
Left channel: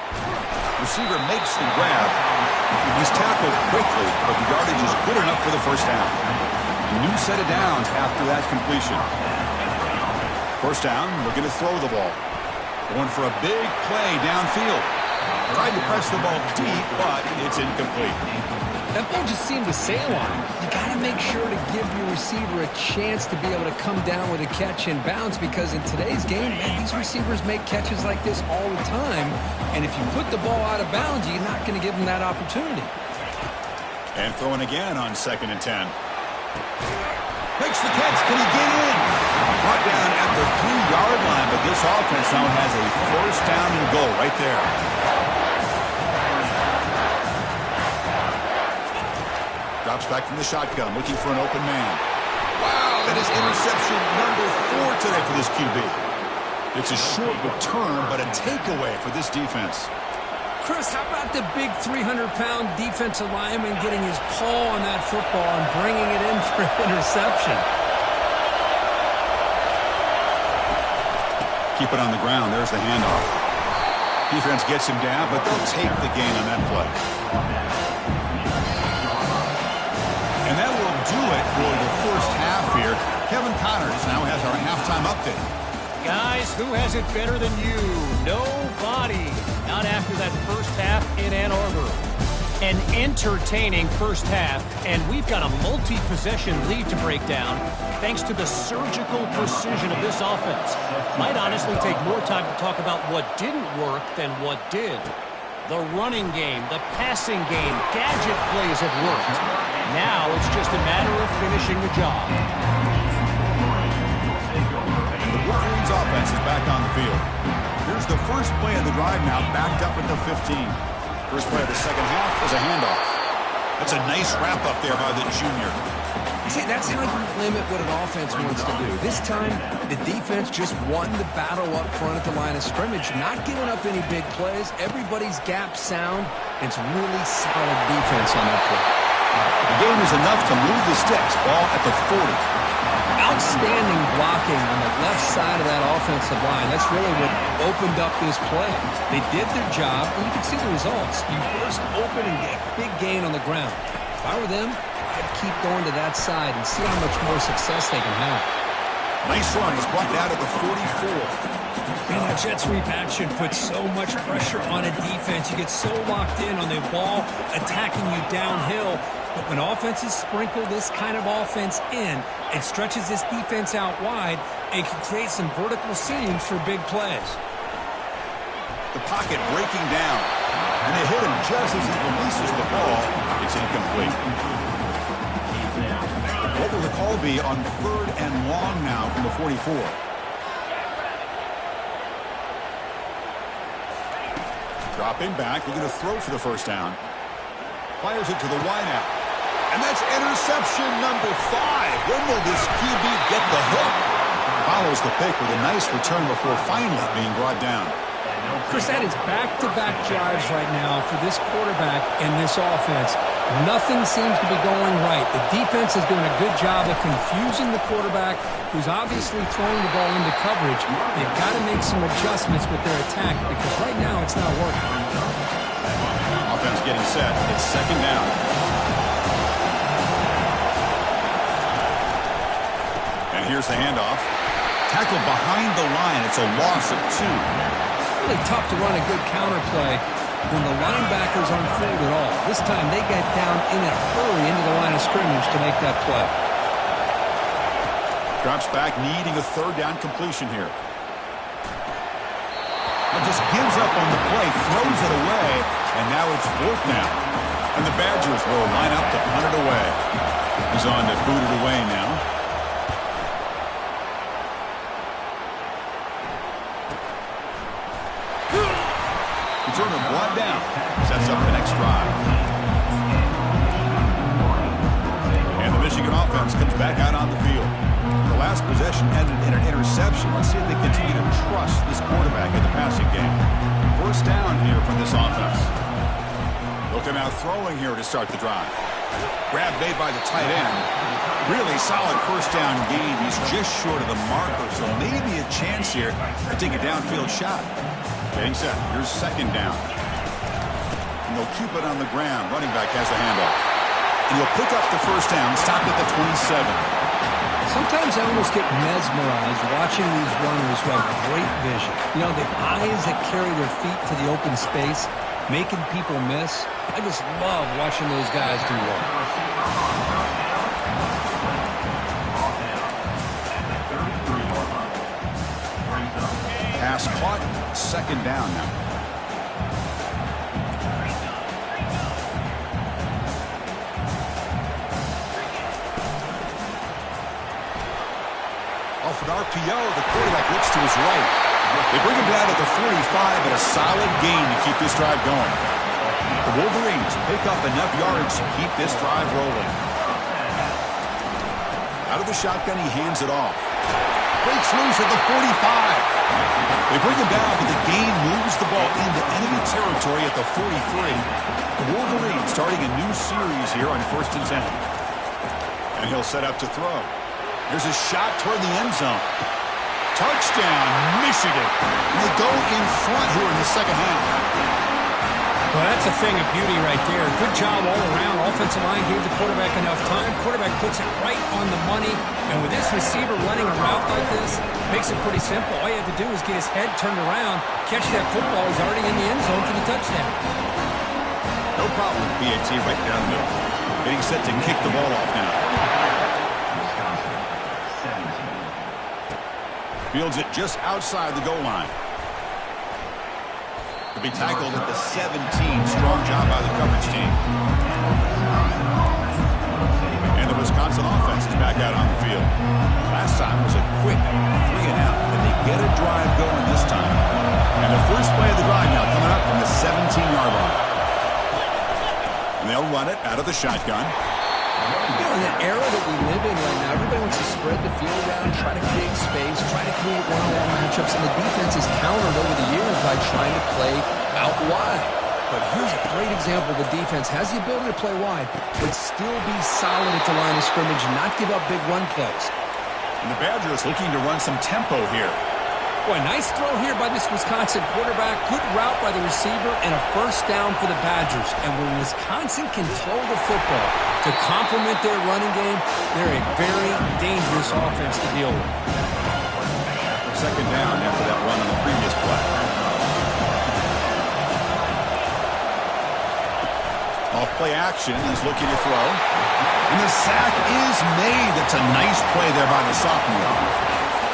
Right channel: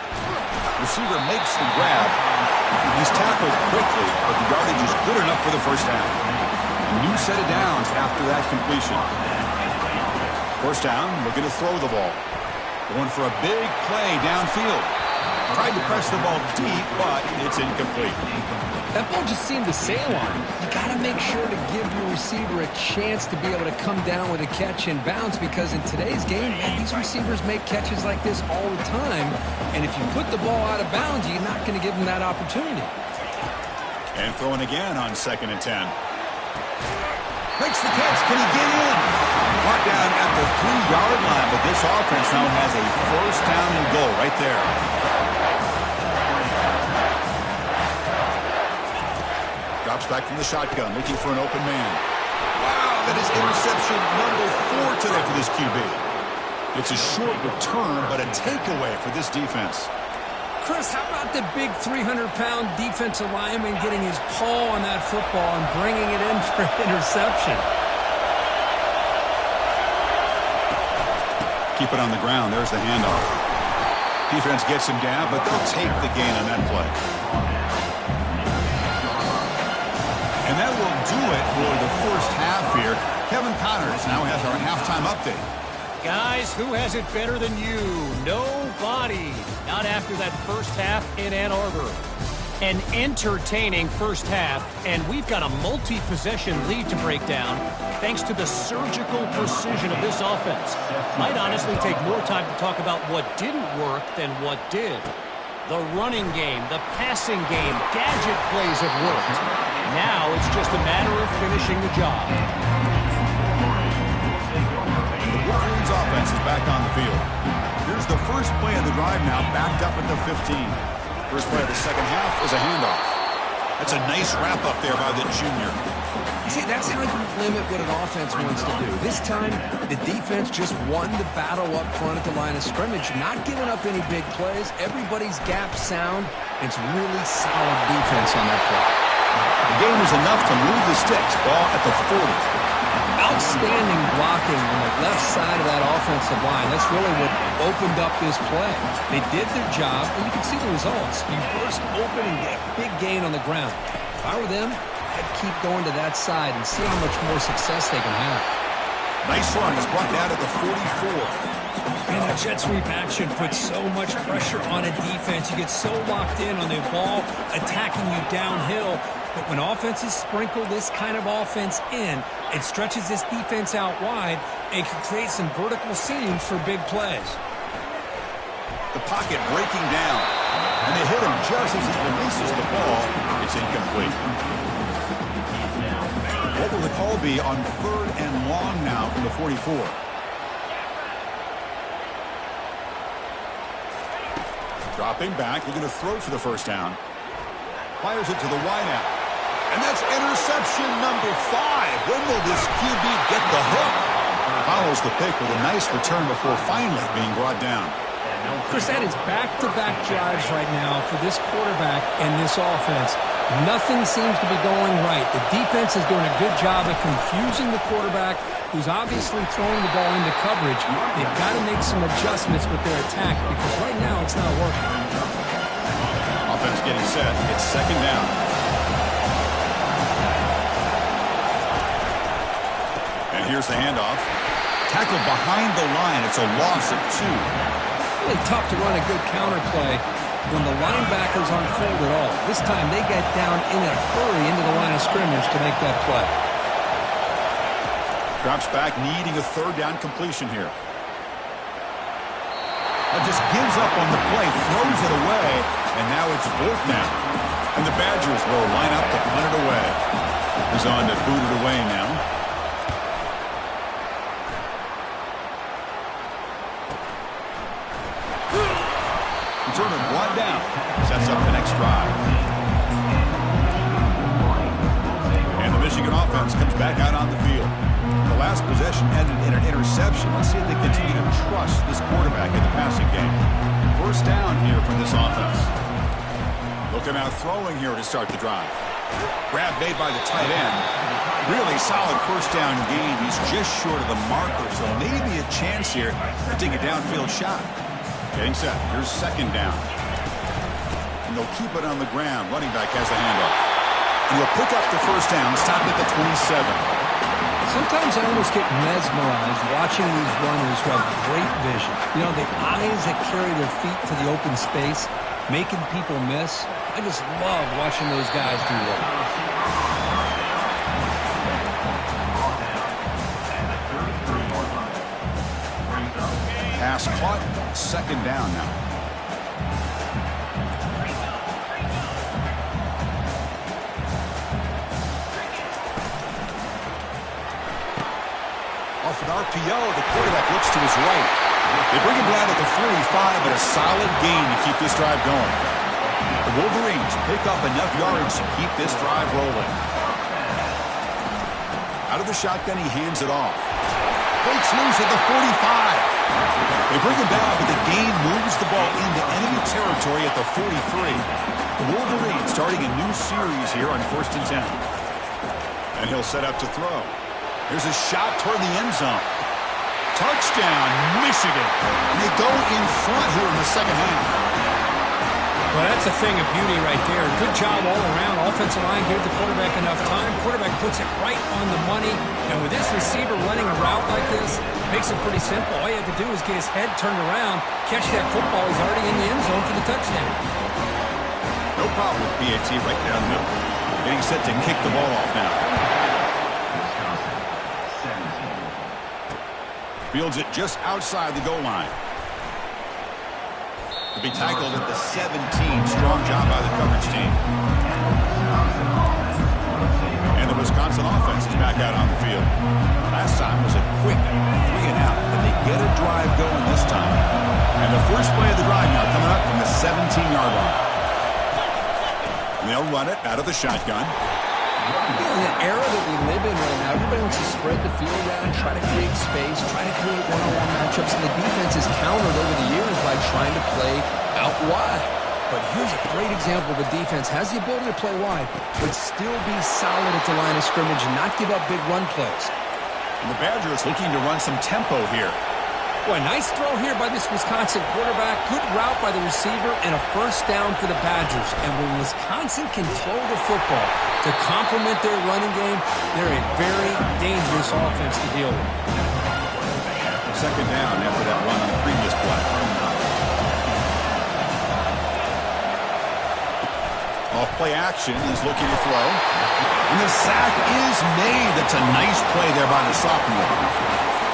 Receiver makes the grab. He's tackled quickly, but the yardage is good enough for the first down. A new set of downs after that completion. First down, looking to throw the ball. Going for a big play downfield. Tried to press the ball deep, but it's incomplete. That ball just seemed to sail on him. You got to make sure to give your receiver a chance to be able to come down with a catch and bounce, because in today's game, man, these receivers make catches like this all the time. And if you put the ball out of bounds, you're not going to give them that opportunity. And throwing again on 2nd and 10. Makes the catch. Can he get in? Brought down at the 3-yard line, but this offense now has a first down and goal right there. Drops back from the shotgun, looking for an open man. Wow, that is interception number 4 today for this QB. It's a short return, but a takeaway for this defense. Chris, how about the big 300-pound defensive lineman getting his paw on that football and bringing it in for an interception? Keep it on the ground. There's the handoff. Defense gets him down, but they'll take the gain on that play. And that will do it for the first half here. Kevin Connors now has our halftime update. Guys, who has it better than you? Nobody. Not after that first half in Ann Arbor. An entertaining first half, and we've got a multi-possession lead to break down thanks to the surgical precision of this offense. Might honestly take more time to talk about what didn't work than what did. The running game, the passing game, gadget plays have worked. Now it's just a matter of finishing the job. The Wolverines offense is back on the field. Here's the first play of the drive now, backed up at the 15. First play of the second half is a handoff. That's a nice wrap-up there by the junior. See, that's how you limit what an offense wants to do. This time, the defense just won the battle up front at the line of scrimmage, not giving up any big plays. Everybody's gap sound. It's really solid defense on that play. The gain is enough to move the sticks. Ball at the 40. Outstanding blocking on the left side of that offensive line. That's really what opened up this play. They did their job, and you can see the results. You burst open and get a big gain on the ground. If I were them, I'd keep going to that side and see how much more success they can have. Nice run. It's brought down to the 44. Man, that jet sweep action puts so much pressure on a defense. You get so locked in on the ball attacking you downhill. But when offenses sprinkle this kind of offense in, it stretches this defense out wide and can create some vertical seams for big plays. The pocket breaking down. And they hit him just as he releases the ball. It's incomplete. What will the call be on 3rd and long now from the 44? Dropping back, looking to throw for the first down. Fires it to the wideout. And that's interception number 5. When will this QB get the hook? Follows the pick with a nice return before finally being brought down. Chris, that is back-to-back drives right now for this quarterback and this offense. Nothing seems to be going right. The defense is doing a good job of confusing the quarterback, who's obviously throwing the ball into coverage. They've got to make some adjustments with their attack because right now it's not working. Offense getting set. It's 2nd down. And here's the handoff. Tackled behind the line. It's a loss of 2. Really tough to run a good counter play when the linebackers aren't fooled at all. This time they get down in a hurry into the line of scrimmage to make that play. Drops back, needing a 3rd down completion here. Now just gives up on the play, throws it away, and now it's 4th down. And the Badgers will line up to punt it away. He's on to boot it away now. Returner brought down. Sets up the next drive. And the Michigan offense comes back out on the field. The last possession ended in an interception. Let's see if they continue to trust this quarterback in the passing game. 1st down here for this offense. Looking out throwing here to start the drive. Grab made by the tight end. Really solid 1st down gain. He's just short of the marker, so maybe a chance here to take a downfield shot. Getting set. Here's 2nd down. And they'll keep it on the ground. Running back has the handoff. And he'll pick up the 1st down. Stop at the 27. Sometimes I almost get mesmerized watching these runners who have great vision. You know, the eyes that carry their feet to the open space, making people miss. I just love watching those guys do well. Pass caught. 2nd down now. Off an RPO, the quarterback looks to his right. They bring him down to the 45, but a solid gain to keep this drive going. The Wolverines pick up enough yards to keep this drive rolling. Out of the shotgun, he hands it off. Breaks loose at the 45. They bring him down, but the gain moves the ball into enemy territory at the 43. The Wolverines starting a new series here on 1st and 10. And he'll set up to throw. Here's a shot toward the end zone. Touchdown, Michigan. And they go in front here in the 2nd half. Well, that's a thing of beauty right there. Good job all around. Offensive line gave the quarterback enough time. Quarterback puts it right on the money. And with this receiver running a route like this, makes it pretty simple. All you have to do is get his head turned around, catch that football. He's already in the end zone for the touchdown. No problem with BAT right down the middle. Getting set to kick the ball off now. Fields it just outside the goal line. To be tackled at the 17. Strong job by the coverage team. And the Wisconsin offense is back out on the field. Last time was a quick 3 and out, but they get a drive going this time. And the first play of the drive now coming up from the 17-yard line. And they'll run it out of the shotgun. You know, in the era that we live in right now, everybody wants to spread the field around, try to create space, try to create one-on-one matchups, and the defense is countered over the years by trying to play out wide. But here's a great example. The defense has the ability to play wide, but still be solid at the line of scrimmage and not give up big run plays. And the Badgers looking to run some tempo here. Boy, nice throw here by this Wisconsin quarterback. Good route by the receiver and a first down for the Badgers. And when Wisconsin can throw the football to complement their running game, they're a very dangerous offense to deal with. Second down after that run on the previous play. Off play action, he's looking to throw. And the sack is made. That's a nice play there by the sophomore.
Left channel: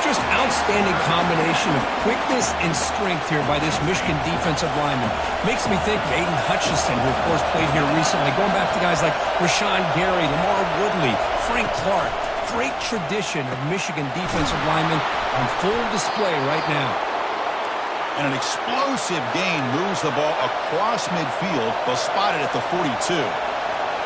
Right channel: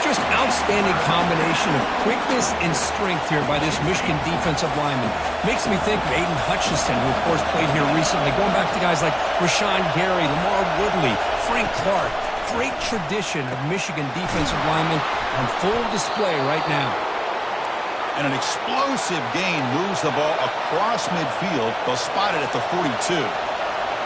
Just outstanding combination of quickness and strength here by this Michigan defensive lineman. Makes me think of Aiden Hutchinson, who of course played here recently. Going back to guys like Rashawn Gary, Lamar Woodley, Frank Clark. Great tradition of Michigan defensive linemen on full display right now. And an explosive gain moves the ball across midfield. They'll spot it at the 42.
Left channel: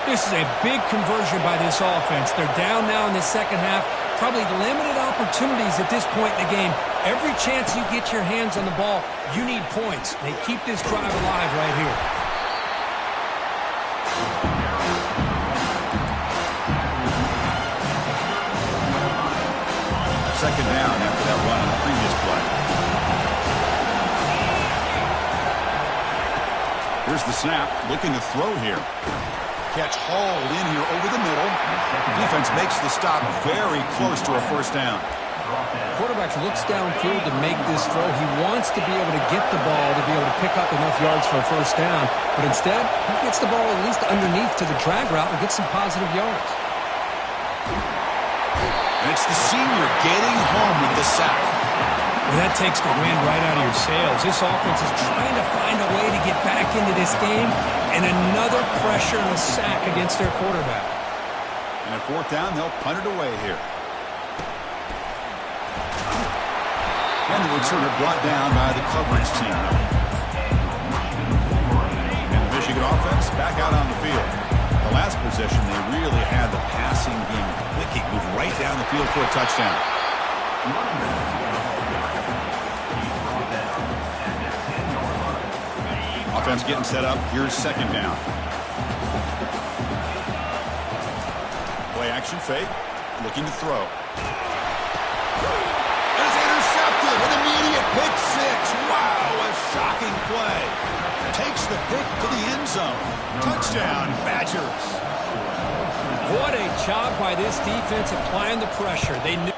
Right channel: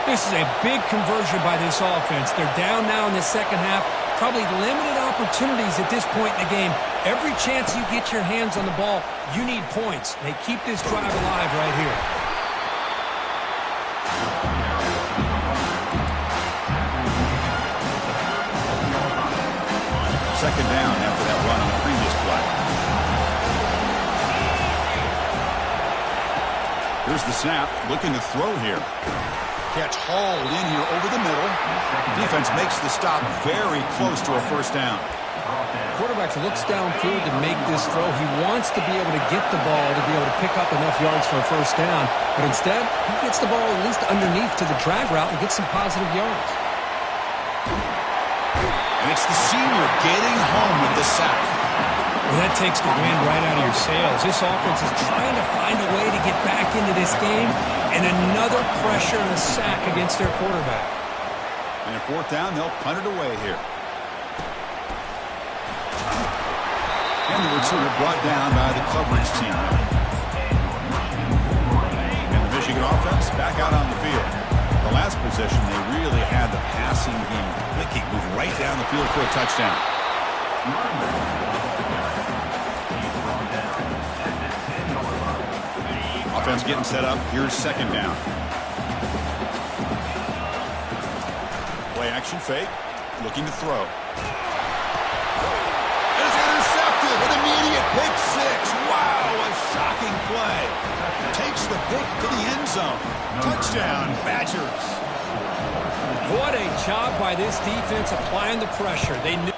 This is a big conversion by this offense. They're down now in the second half. Probably limited opportunities at this point in the game. Every chance you get your hands on the ball, you need points. They keep this drive alive right here. Second down after that run on the previous play. Here's the snap, looking to throw here. Catch hauled in here over the middle. Defense makes the stop very close to a first down. Quarterback looks downfield to make this throw. He wants to be able to get the ball to be able to pick up enough yards for a first down. But instead, he gets the ball at least underneath to the drag route and gets some positive yards. And it's the senior getting home with the sack. Well, that takes the wind right out of your sails. This offense is trying to find a way to get back into this game, and another pressure and a sack against their quarterback. And at fourth down, they'll punt it away here. And the returner brought down by the coverage team. And the Michigan offense back out on the field. The last possession, they really had the passing game clicking, move right down the field for a touchdown. Offense getting set up. Here's second down. Play action fake. Looking to throw. It's intercepted. An immediate pick six. Wow, a shocking play. Takes the pick to the end zone. Touchdown, Badgers. What a job by this defense applying the pressure. They knew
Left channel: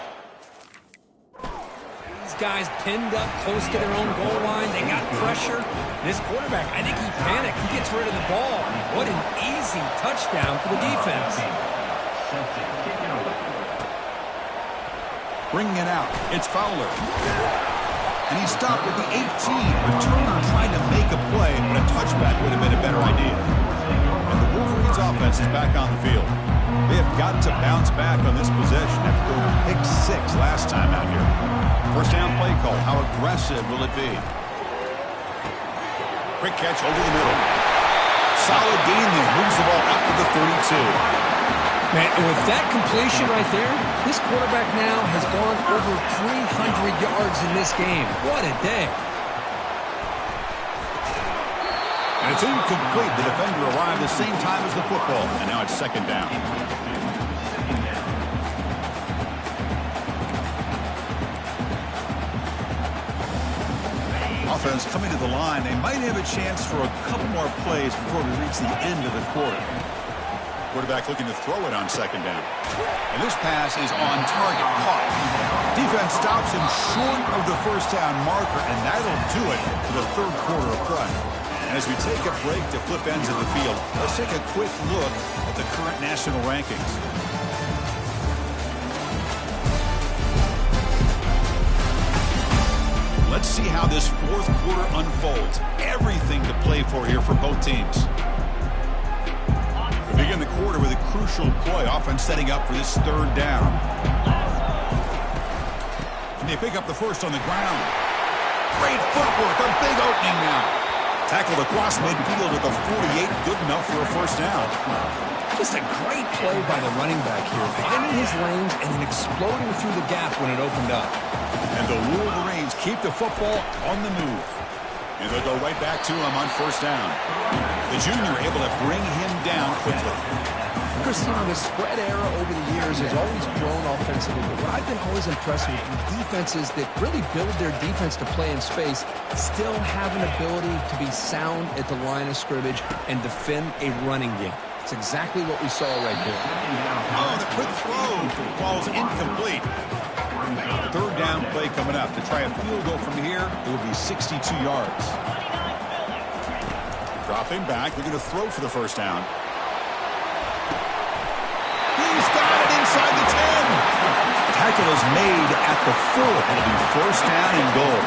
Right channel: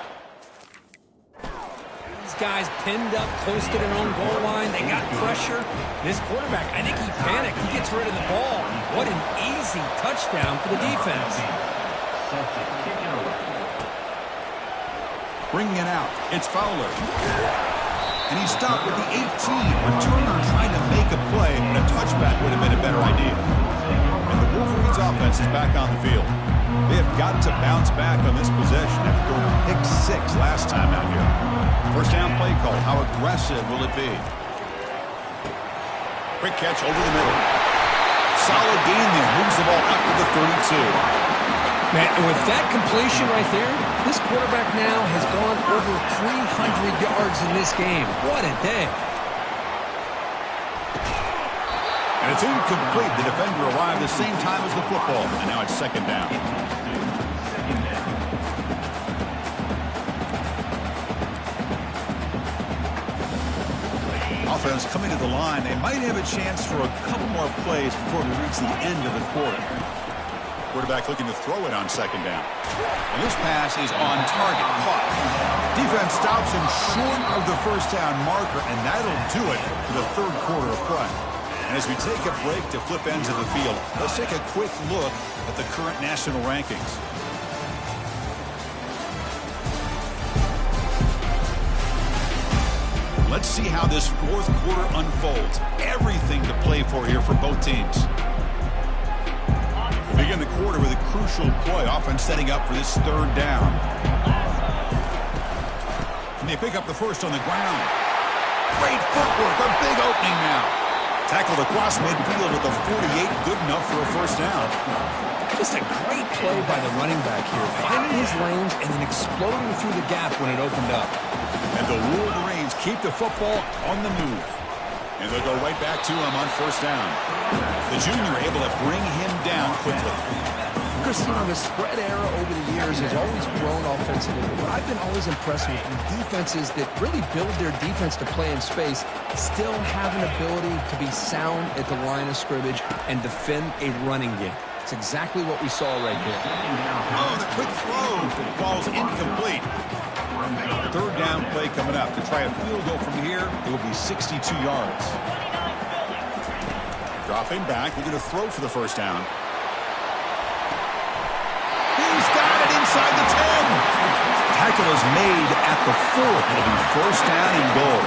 these guys pinned up close to their own goal line. They got pressure. This quarterback, I think he panicked. He gets rid of the ball. What an easy touchdown for the defense. Bringing it out. It's Fowler. And he stopped at the 18. Returner trying to make a play, but a touchback would have been a better idea. And the Wolverines offense is back on the field. They have got to bounce back on this possession after going to pick six last time out here. First down play call. How aggressive will it be? Quick catch over the middle. Solid gain there. Moves the ball out to the 32. Man, with that completion right there, this quarterback now has gone over 300 yards in this game. What a day. And it's incomplete. The defender arrived the same time as the football. And now it's second down. Offense coming to the line. They might have a chance for a couple more plays before we reach the end of the quarter. Quarterback looking to throw it on second down. And this pass is on target. Caught. Defense stops him short of the first down marker, and that'll do it for the third quarter of play. And as we take a break to flip ends of the field, let's take a quick look at the current national rankings. Let's see how this fourth quarter unfolds. Everything to play for here for both teams. We begin the quarter with a crucial play. Offense setting up for this third down. And they pick up the first on the ground. Great footwork. A big opening now. Tackled across midfield with a 48, good enough for a first down. Just a great play by the running back here, finding his lanes and then exploding through the gap when it opened up. And the Wolverines keep the football on the move. And they'll go right back to him on first down. The junior able to bring him down quickly. Chris, you know, the spread era over the years has always grown offensively, but what I've been always impressed with defenses that really build their defense to play in space still have an ability to be sound at the line of scrimmage and defend a running game. It's exactly what we saw right there. Oh, the quick throw falls incomplete. Third down play coming up. To try a field goal from here, it will be 62 yards. Dropping back, looking to throw for the first down. He's got it inside the 10. Tackle is made at the 4. It'll be first down and goal.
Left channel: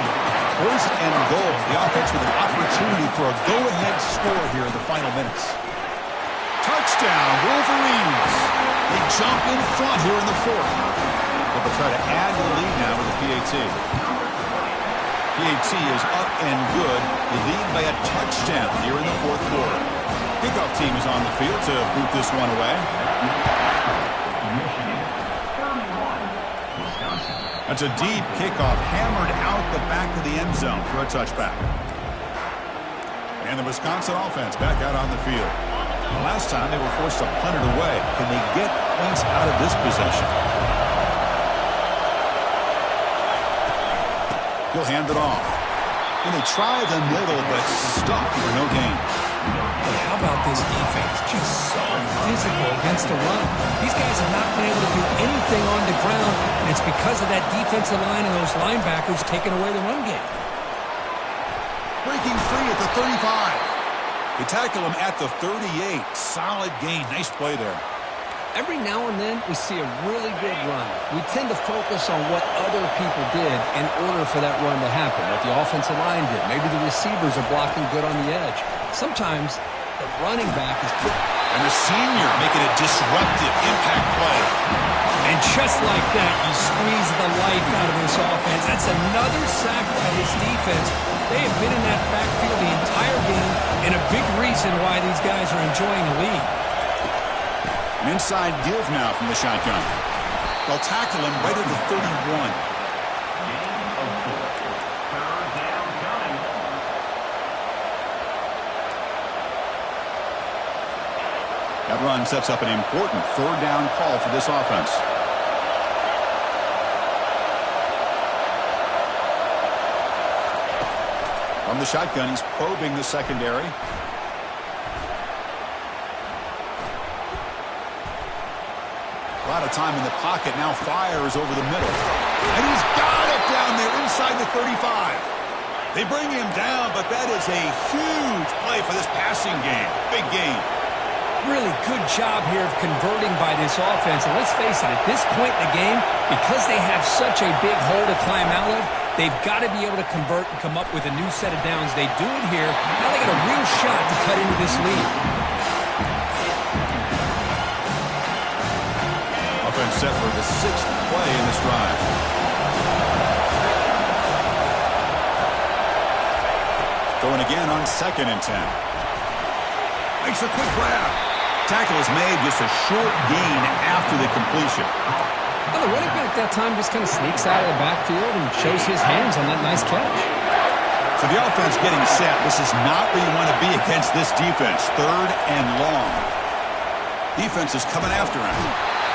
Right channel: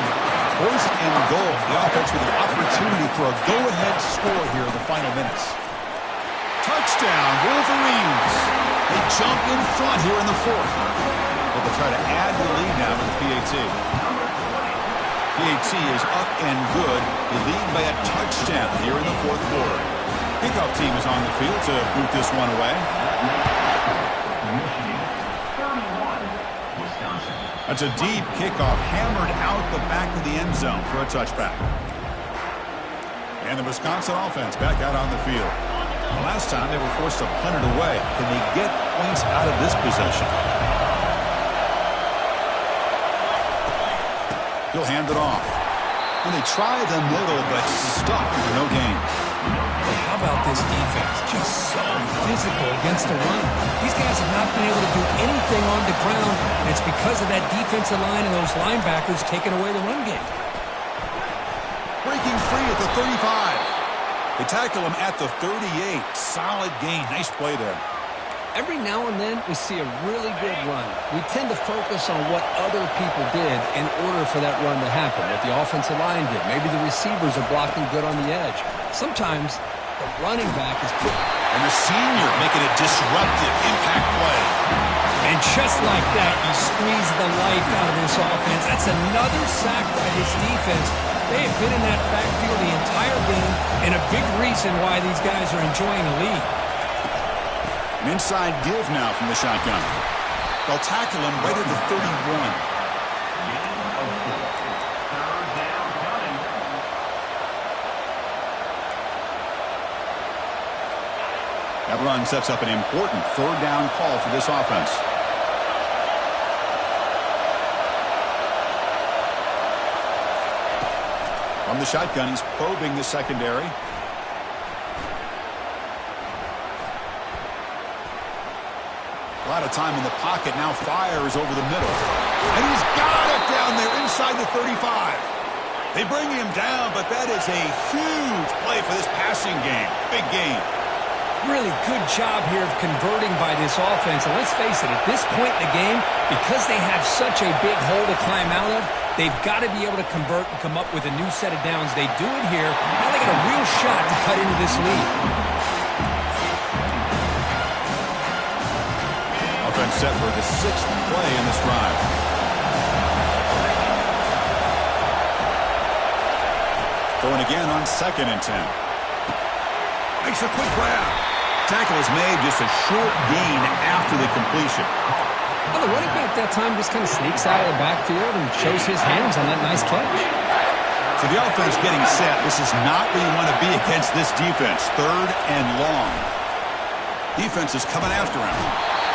First and goal. The offense with an opportunity for a go-ahead score here in the final minutes. Touchdown, Wolverines. They jump in front here in the 4th. They'll try to add the lead now with the PAT. PAT is up and good. They lead by a touchdown here in the 4th quarter. Kickoff team is on the field to boot this one away. Michigan, 31, Wisconsin. That's a deep kickoff, hammered out the back of the end zone for a touchback. And the Wisconsin offense back out on the field. The last time they were forced to punt it away. Can they get points out of this possession? He'll hand it off. And they try the middle, but stuck for no gain. But how about this defense? Just so physical against the run. These guys have not been able to do anything on the ground, and it's because of that defensive line and those linebackers taking away the run game. Breaking free at the 35. They tackle him at the 38. Solid gain. Nice play there. Every now and then, we see a really good run. We tend to focus on what other people did in order for that run to happen, what the offensive line did. Maybe the receivers are blocking good on the edge. Sometimes the running back is put. And the senior making a disruptive impact play. And just like that, you squeeze the life out of this offense. That's another sack by this defense. They have been in that backfield the entire game, and a big reason why these guys are enjoying a lead. An inside give now from the shotgun. They'll tackle him right at the 31. Gain of 4. Third down coming. That run sets up an important third down call for this offense. From the shotgun, he's probing the secondary. A lot of time in the pocket, now fires over the middle. And he's got it down there inside the 35. They bring him down, but that is a huge play for this passing game. Big game. Really good job here of converting by this offense. And let's face it, at this point in the game, because they have such a big hole to climb out of, they've got to be able to convert and come up with a new set of downs. They do it here. Now they got a real shot to cut into this lead. Offense set for the 6th play in this drive. Throwing again on 2nd and 10. Makes a quick grab. Tackle is made, just a short gain after the completion. Well, the running back that time just kind of sneaks out of the backfield and shows his hands on that nice catch. So the offense getting set. This is not where you want to be against this defense. 3rd and long. Defense is coming after him.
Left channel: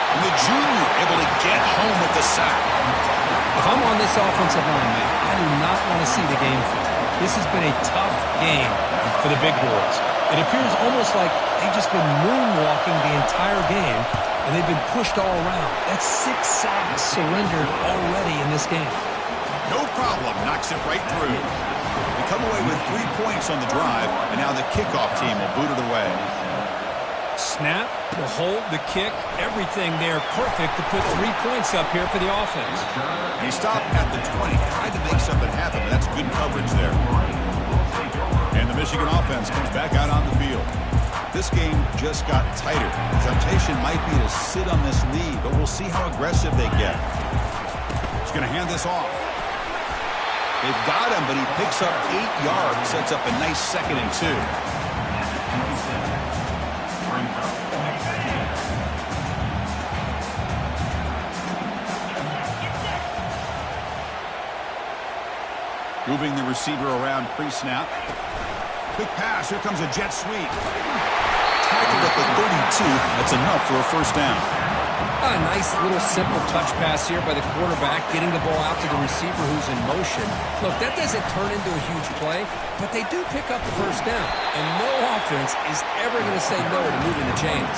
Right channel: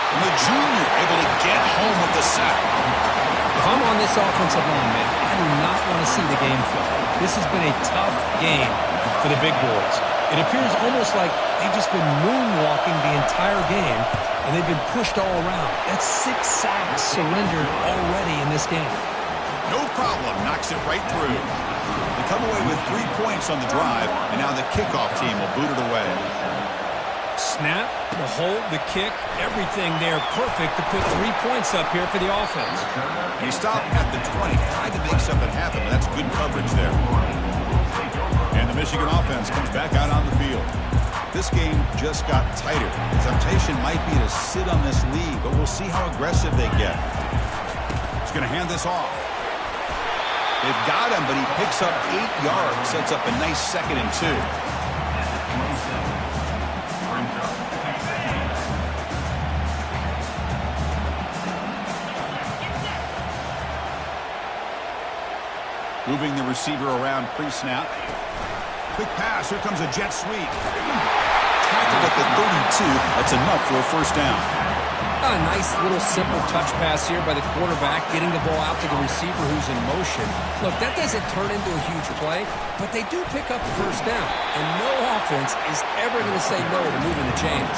And the junior able to get home with the sack. If I'm on this offensive line, man, I do not want to see the game film. This has been a tough game for the big boys. It appears almost like they've just been moonwalking the entire game, and they've been pushed all around. That's 6 sacks surrendered already in this game. No problem. Knocks it right through. They come away with 3 points on the drive, and now the kickoff team will boot it away. Snap, the hold, the kick, everything there perfect to put 3 points up here for the offense. He stopped at the 20, tried to make something happen, but that's good coverage there. And the Michigan offense comes back out on the field. This game just got tighter. The temptation might be to sit on this lead, but we'll see how aggressive they get. He's going to hand this off. They've got him, but he picks up 8 yards, sets up a nice 2nd and 2. Moving the receiver around pre-snap. Quick pass. Here comes a jet sweep. Tackled at the 32. That's enough for a first down. A nice little simple touch pass here by the quarterback, getting the ball out to the receiver who's in motion. Look, that doesn't turn into a huge play, but they do pick up the first down. And no offense is ever going to say no to moving the chains.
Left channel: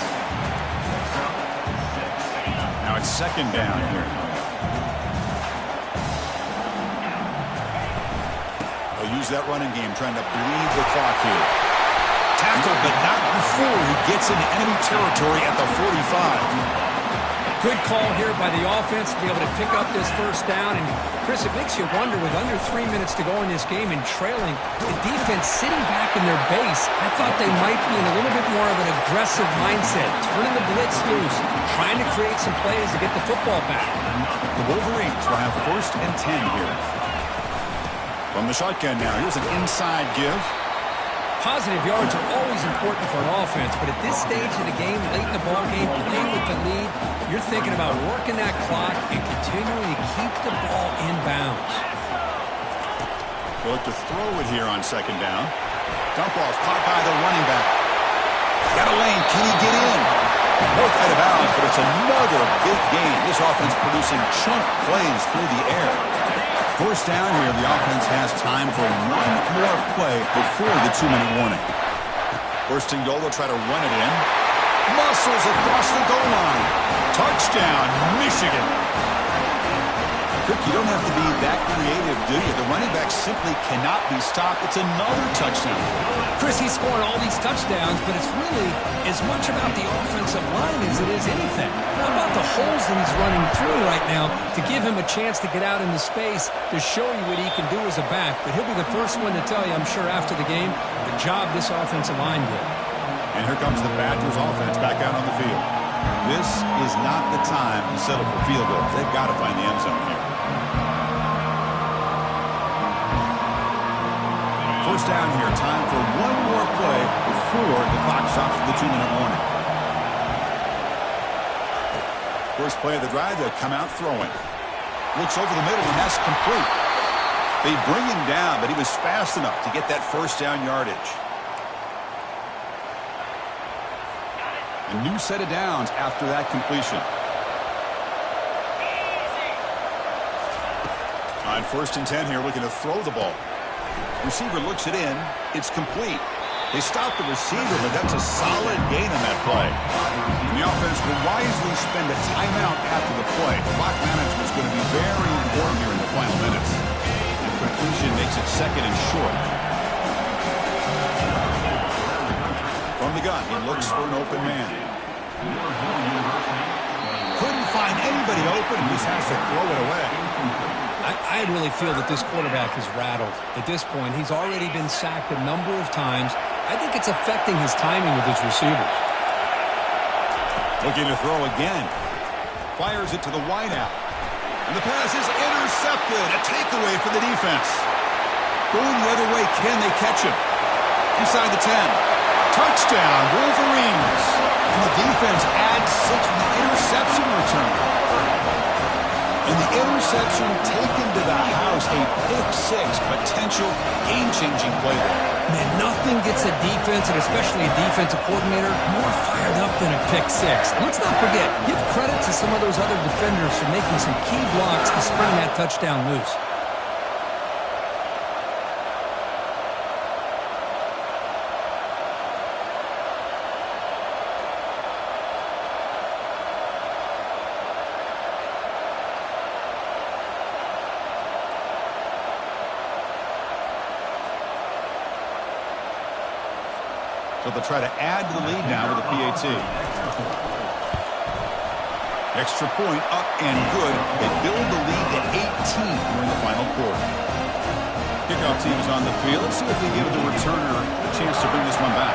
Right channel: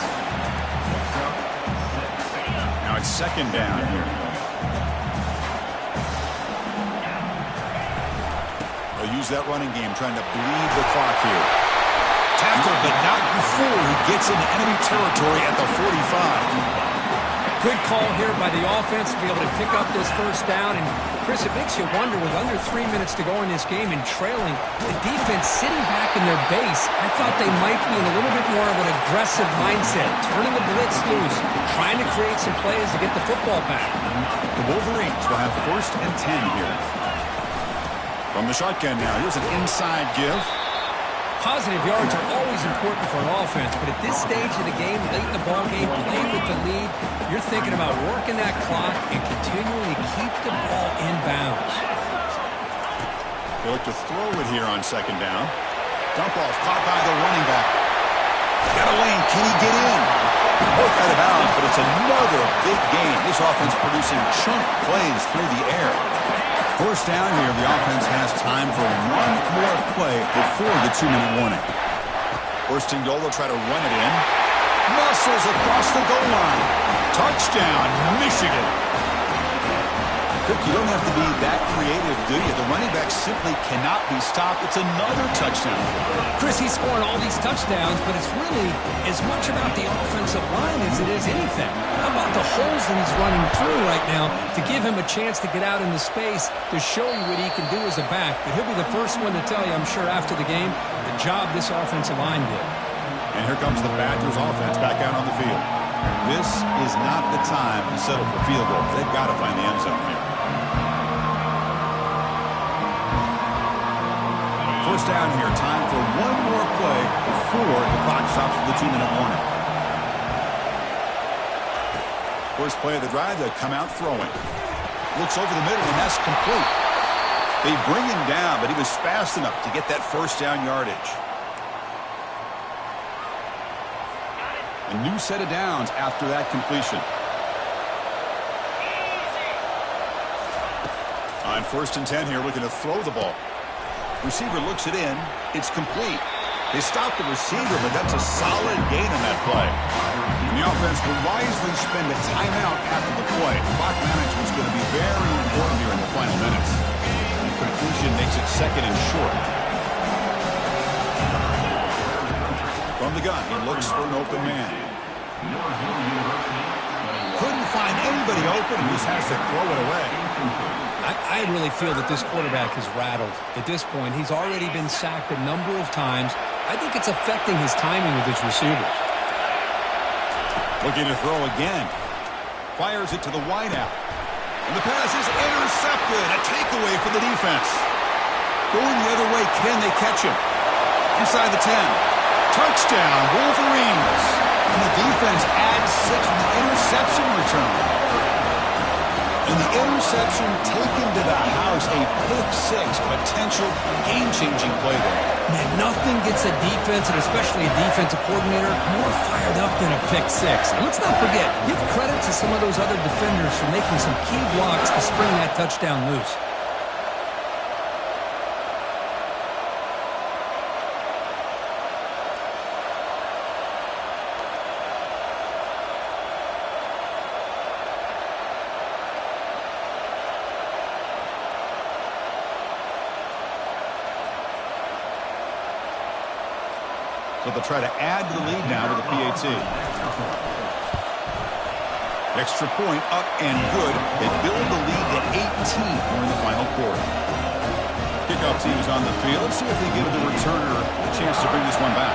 Now it's 2nd down here. They'll use that running game, trying to bleed the clock here. Tackled, but not before he gets into enemy territory at the 45. Good call here by the offense to be able to pick up this first down. And, Chris, it makes you wonder, with under 3 minutes to go in this game and trailing, the defense sitting back in their base, I thought they might be in a little bit more of an aggressive mindset, turning the blitz loose, trying to create some plays to get the football back. The Wolverines will have 1st and 10 here. From the shotgun now, here's an inside give. Positive yards are always important for an offense, but at this stage of the game, late in the ball game, playing with the lead, you're thinking about working that clock and continuing to keep the ball in bounds. They look to throw it here on 2nd down. Dump off, caught by the running back. Got a lane, can he get in? Both out of bounds, but it's another big gain. This offense producing chunk plays through the air. First down here, the offense has time for one more play before the 2-minute warning. 1st and goal, they'll try to run it in. Muscles across the goal line. Touchdown, Michigan. Kirk, you don't have to be that creative, do you? The running back simply cannot be stopped. It's another touchdown. Chris, he's scoring all these touchdowns, but it's really as much about the offensive line as it is anything. How about the holes that he's running through right now to give him a chance to get out into space to show you what he can do as a back? But he'll be the first one to tell you, I'm sure, after the game, the job this offensive line did. And here comes the Badgers offense back out on the field. This is not the time to settle for field goals. They've got to find the end zone here. First down here. Time for one more play before the clock stops for the 2-minute warning. First play of the drive, they come out throwing. Looks over the middle, and that's complete. They bring him down, but he was fast enough to get that first down yardage. A new set of downs after that completion. On 1st and 10 here, looking to throw the ball. Receiver looks it in. It's complete. They stop the receiver, but that's a solid gain on that play. And the offense will wisely spend a timeout after the play. Clock management is going to be very important here in the final minutes. And completion makes it 2nd and short. From the gun, he looks for an open man. Couldn't find anybody open and just has to throw it away. I really feel that this quarterback is rattled. At this point, he's already been sacked a number of times. I think it's affecting his timing with his receivers. Looking to throw again. Fires it to the wideout. And the pass is intercepted. A takeaway for the defense. Going the other way, can they catch him? Inside the 10. Touchdown, Wolverines. And the defense adds 6 with the interception return. And the interception taken to the house, a pick-6, potential game-changing play there. Man, nothing gets a defense, and especially a defensive coordinator, more fired up than a pick-6. And let's not forget, give credit to some of those other defenders for making some key blocks to spring that touchdown loose. So they'll try to add to the lead now with a PAT. Extra point up and good. They build the lead to 18 here in the final quarter. Kickoff team is on the field. Let's see if they give the returner a chance to bring this one back.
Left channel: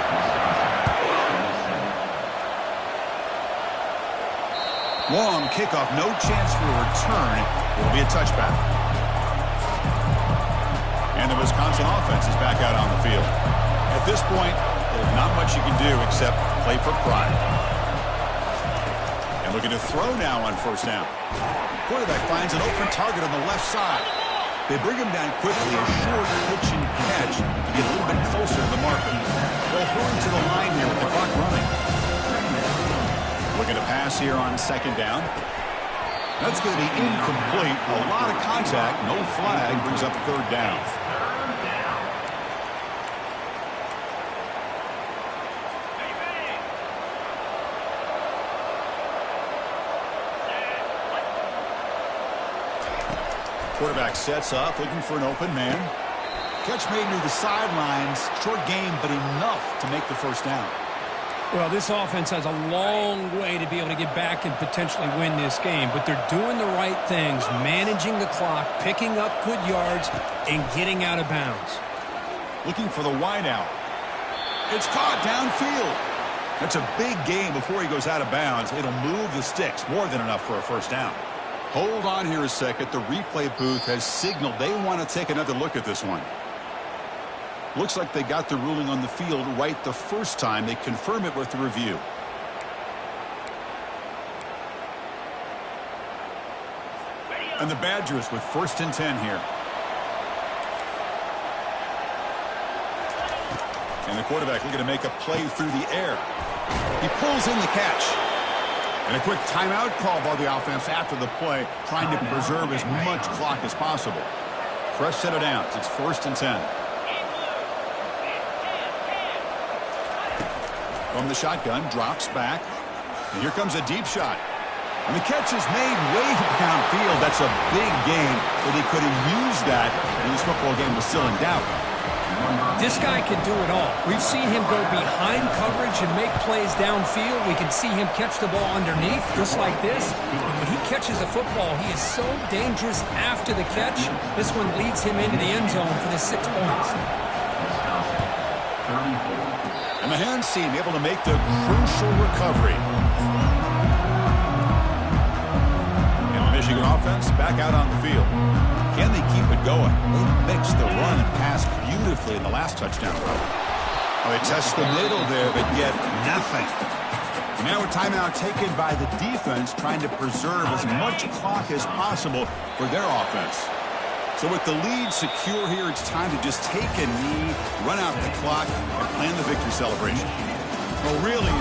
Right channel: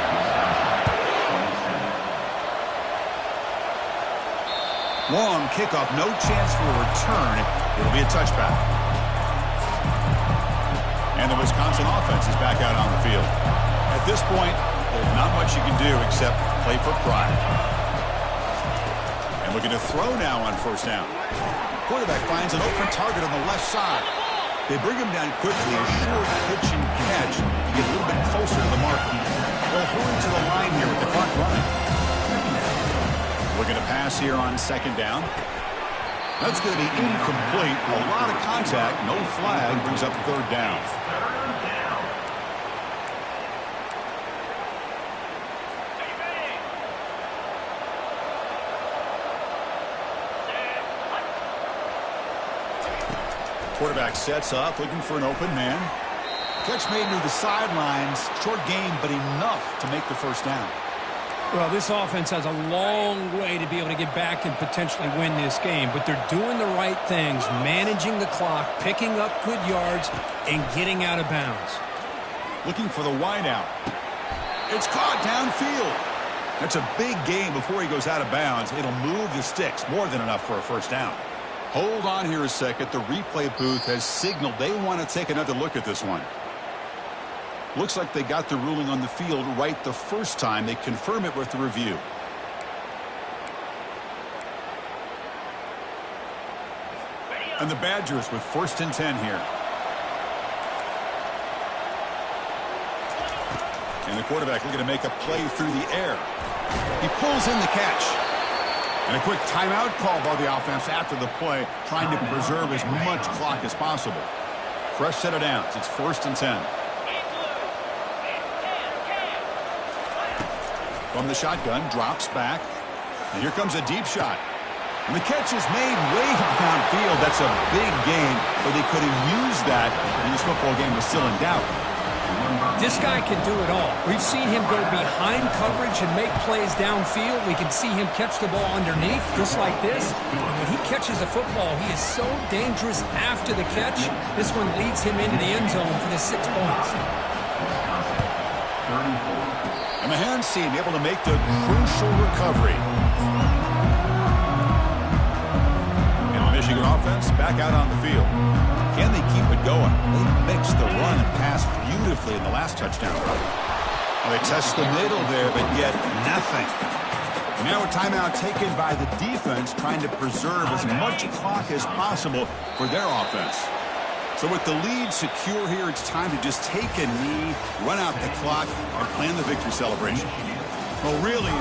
Long kickoff, no chance for a return. It'll be a touchback. And the Wisconsin offense is back out on the field. At this point, there's not much you can do except play for pride. And looking to throw now on first down. Quarterback finds an open target on the left side. They bring him down quickly, a short pitch and catch to get a little bit closer to the marker. They'll hurry to the line here with the clock running. Looking to pass here on second down. That's going to be incomplete. A lot of contact. No flag. Brings up third down. Quarterback sets up, looking for an open man. Catch made near the sidelines. Short game, but enough to make the first down. Well, this offense has a long way to be able to get back and potentially win this game, but they're doing the right things, managing the clock, picking up good yards, and getting out of bounds. Looking for the wideout. It's caught downfield. That's a big gain before he goes out of bounds. It'll move the sticks, more than enough for a first down. Hold on here a second. The replay booth has signaled they want to take another look at this one. Looks like they got the ruling on the field right the first time. They confirm it with the review. And the Badgers with 1st and 10 here. And the quarterback looking to make a play through the air. He pulls in the catch. And a quick timeout call by the offense after the play, trying to preserve as much clock as possible. Fresh set of downs. It's 1st and 10. From the shotgun, drops back. And here comes a deep shot. And the catch is made way downfield. That's a big gain, but they could have used that when this football game was still in doubt. This guy can do it all. We've seen him go behind coverage and make plays downfield. We can see him catch the ball underneath, just like this. And when he catches a football, he is so dangerous after the catch. This one leads him into the end zone for the 6 points. And the hands team able to make the crucial recovery. And the Michigan offense back out on the field. Can they keep it going? They mixed the run and pass beautifully in the last touchdown run. Well, they test the middle there, but yet nothing. And now a timeout taken by the defense, trying to preserve as much clock as possible for their offense. So with the lead secure here, it's time to just take a knee, run out the clock, and plan the victory celebration. Well, really,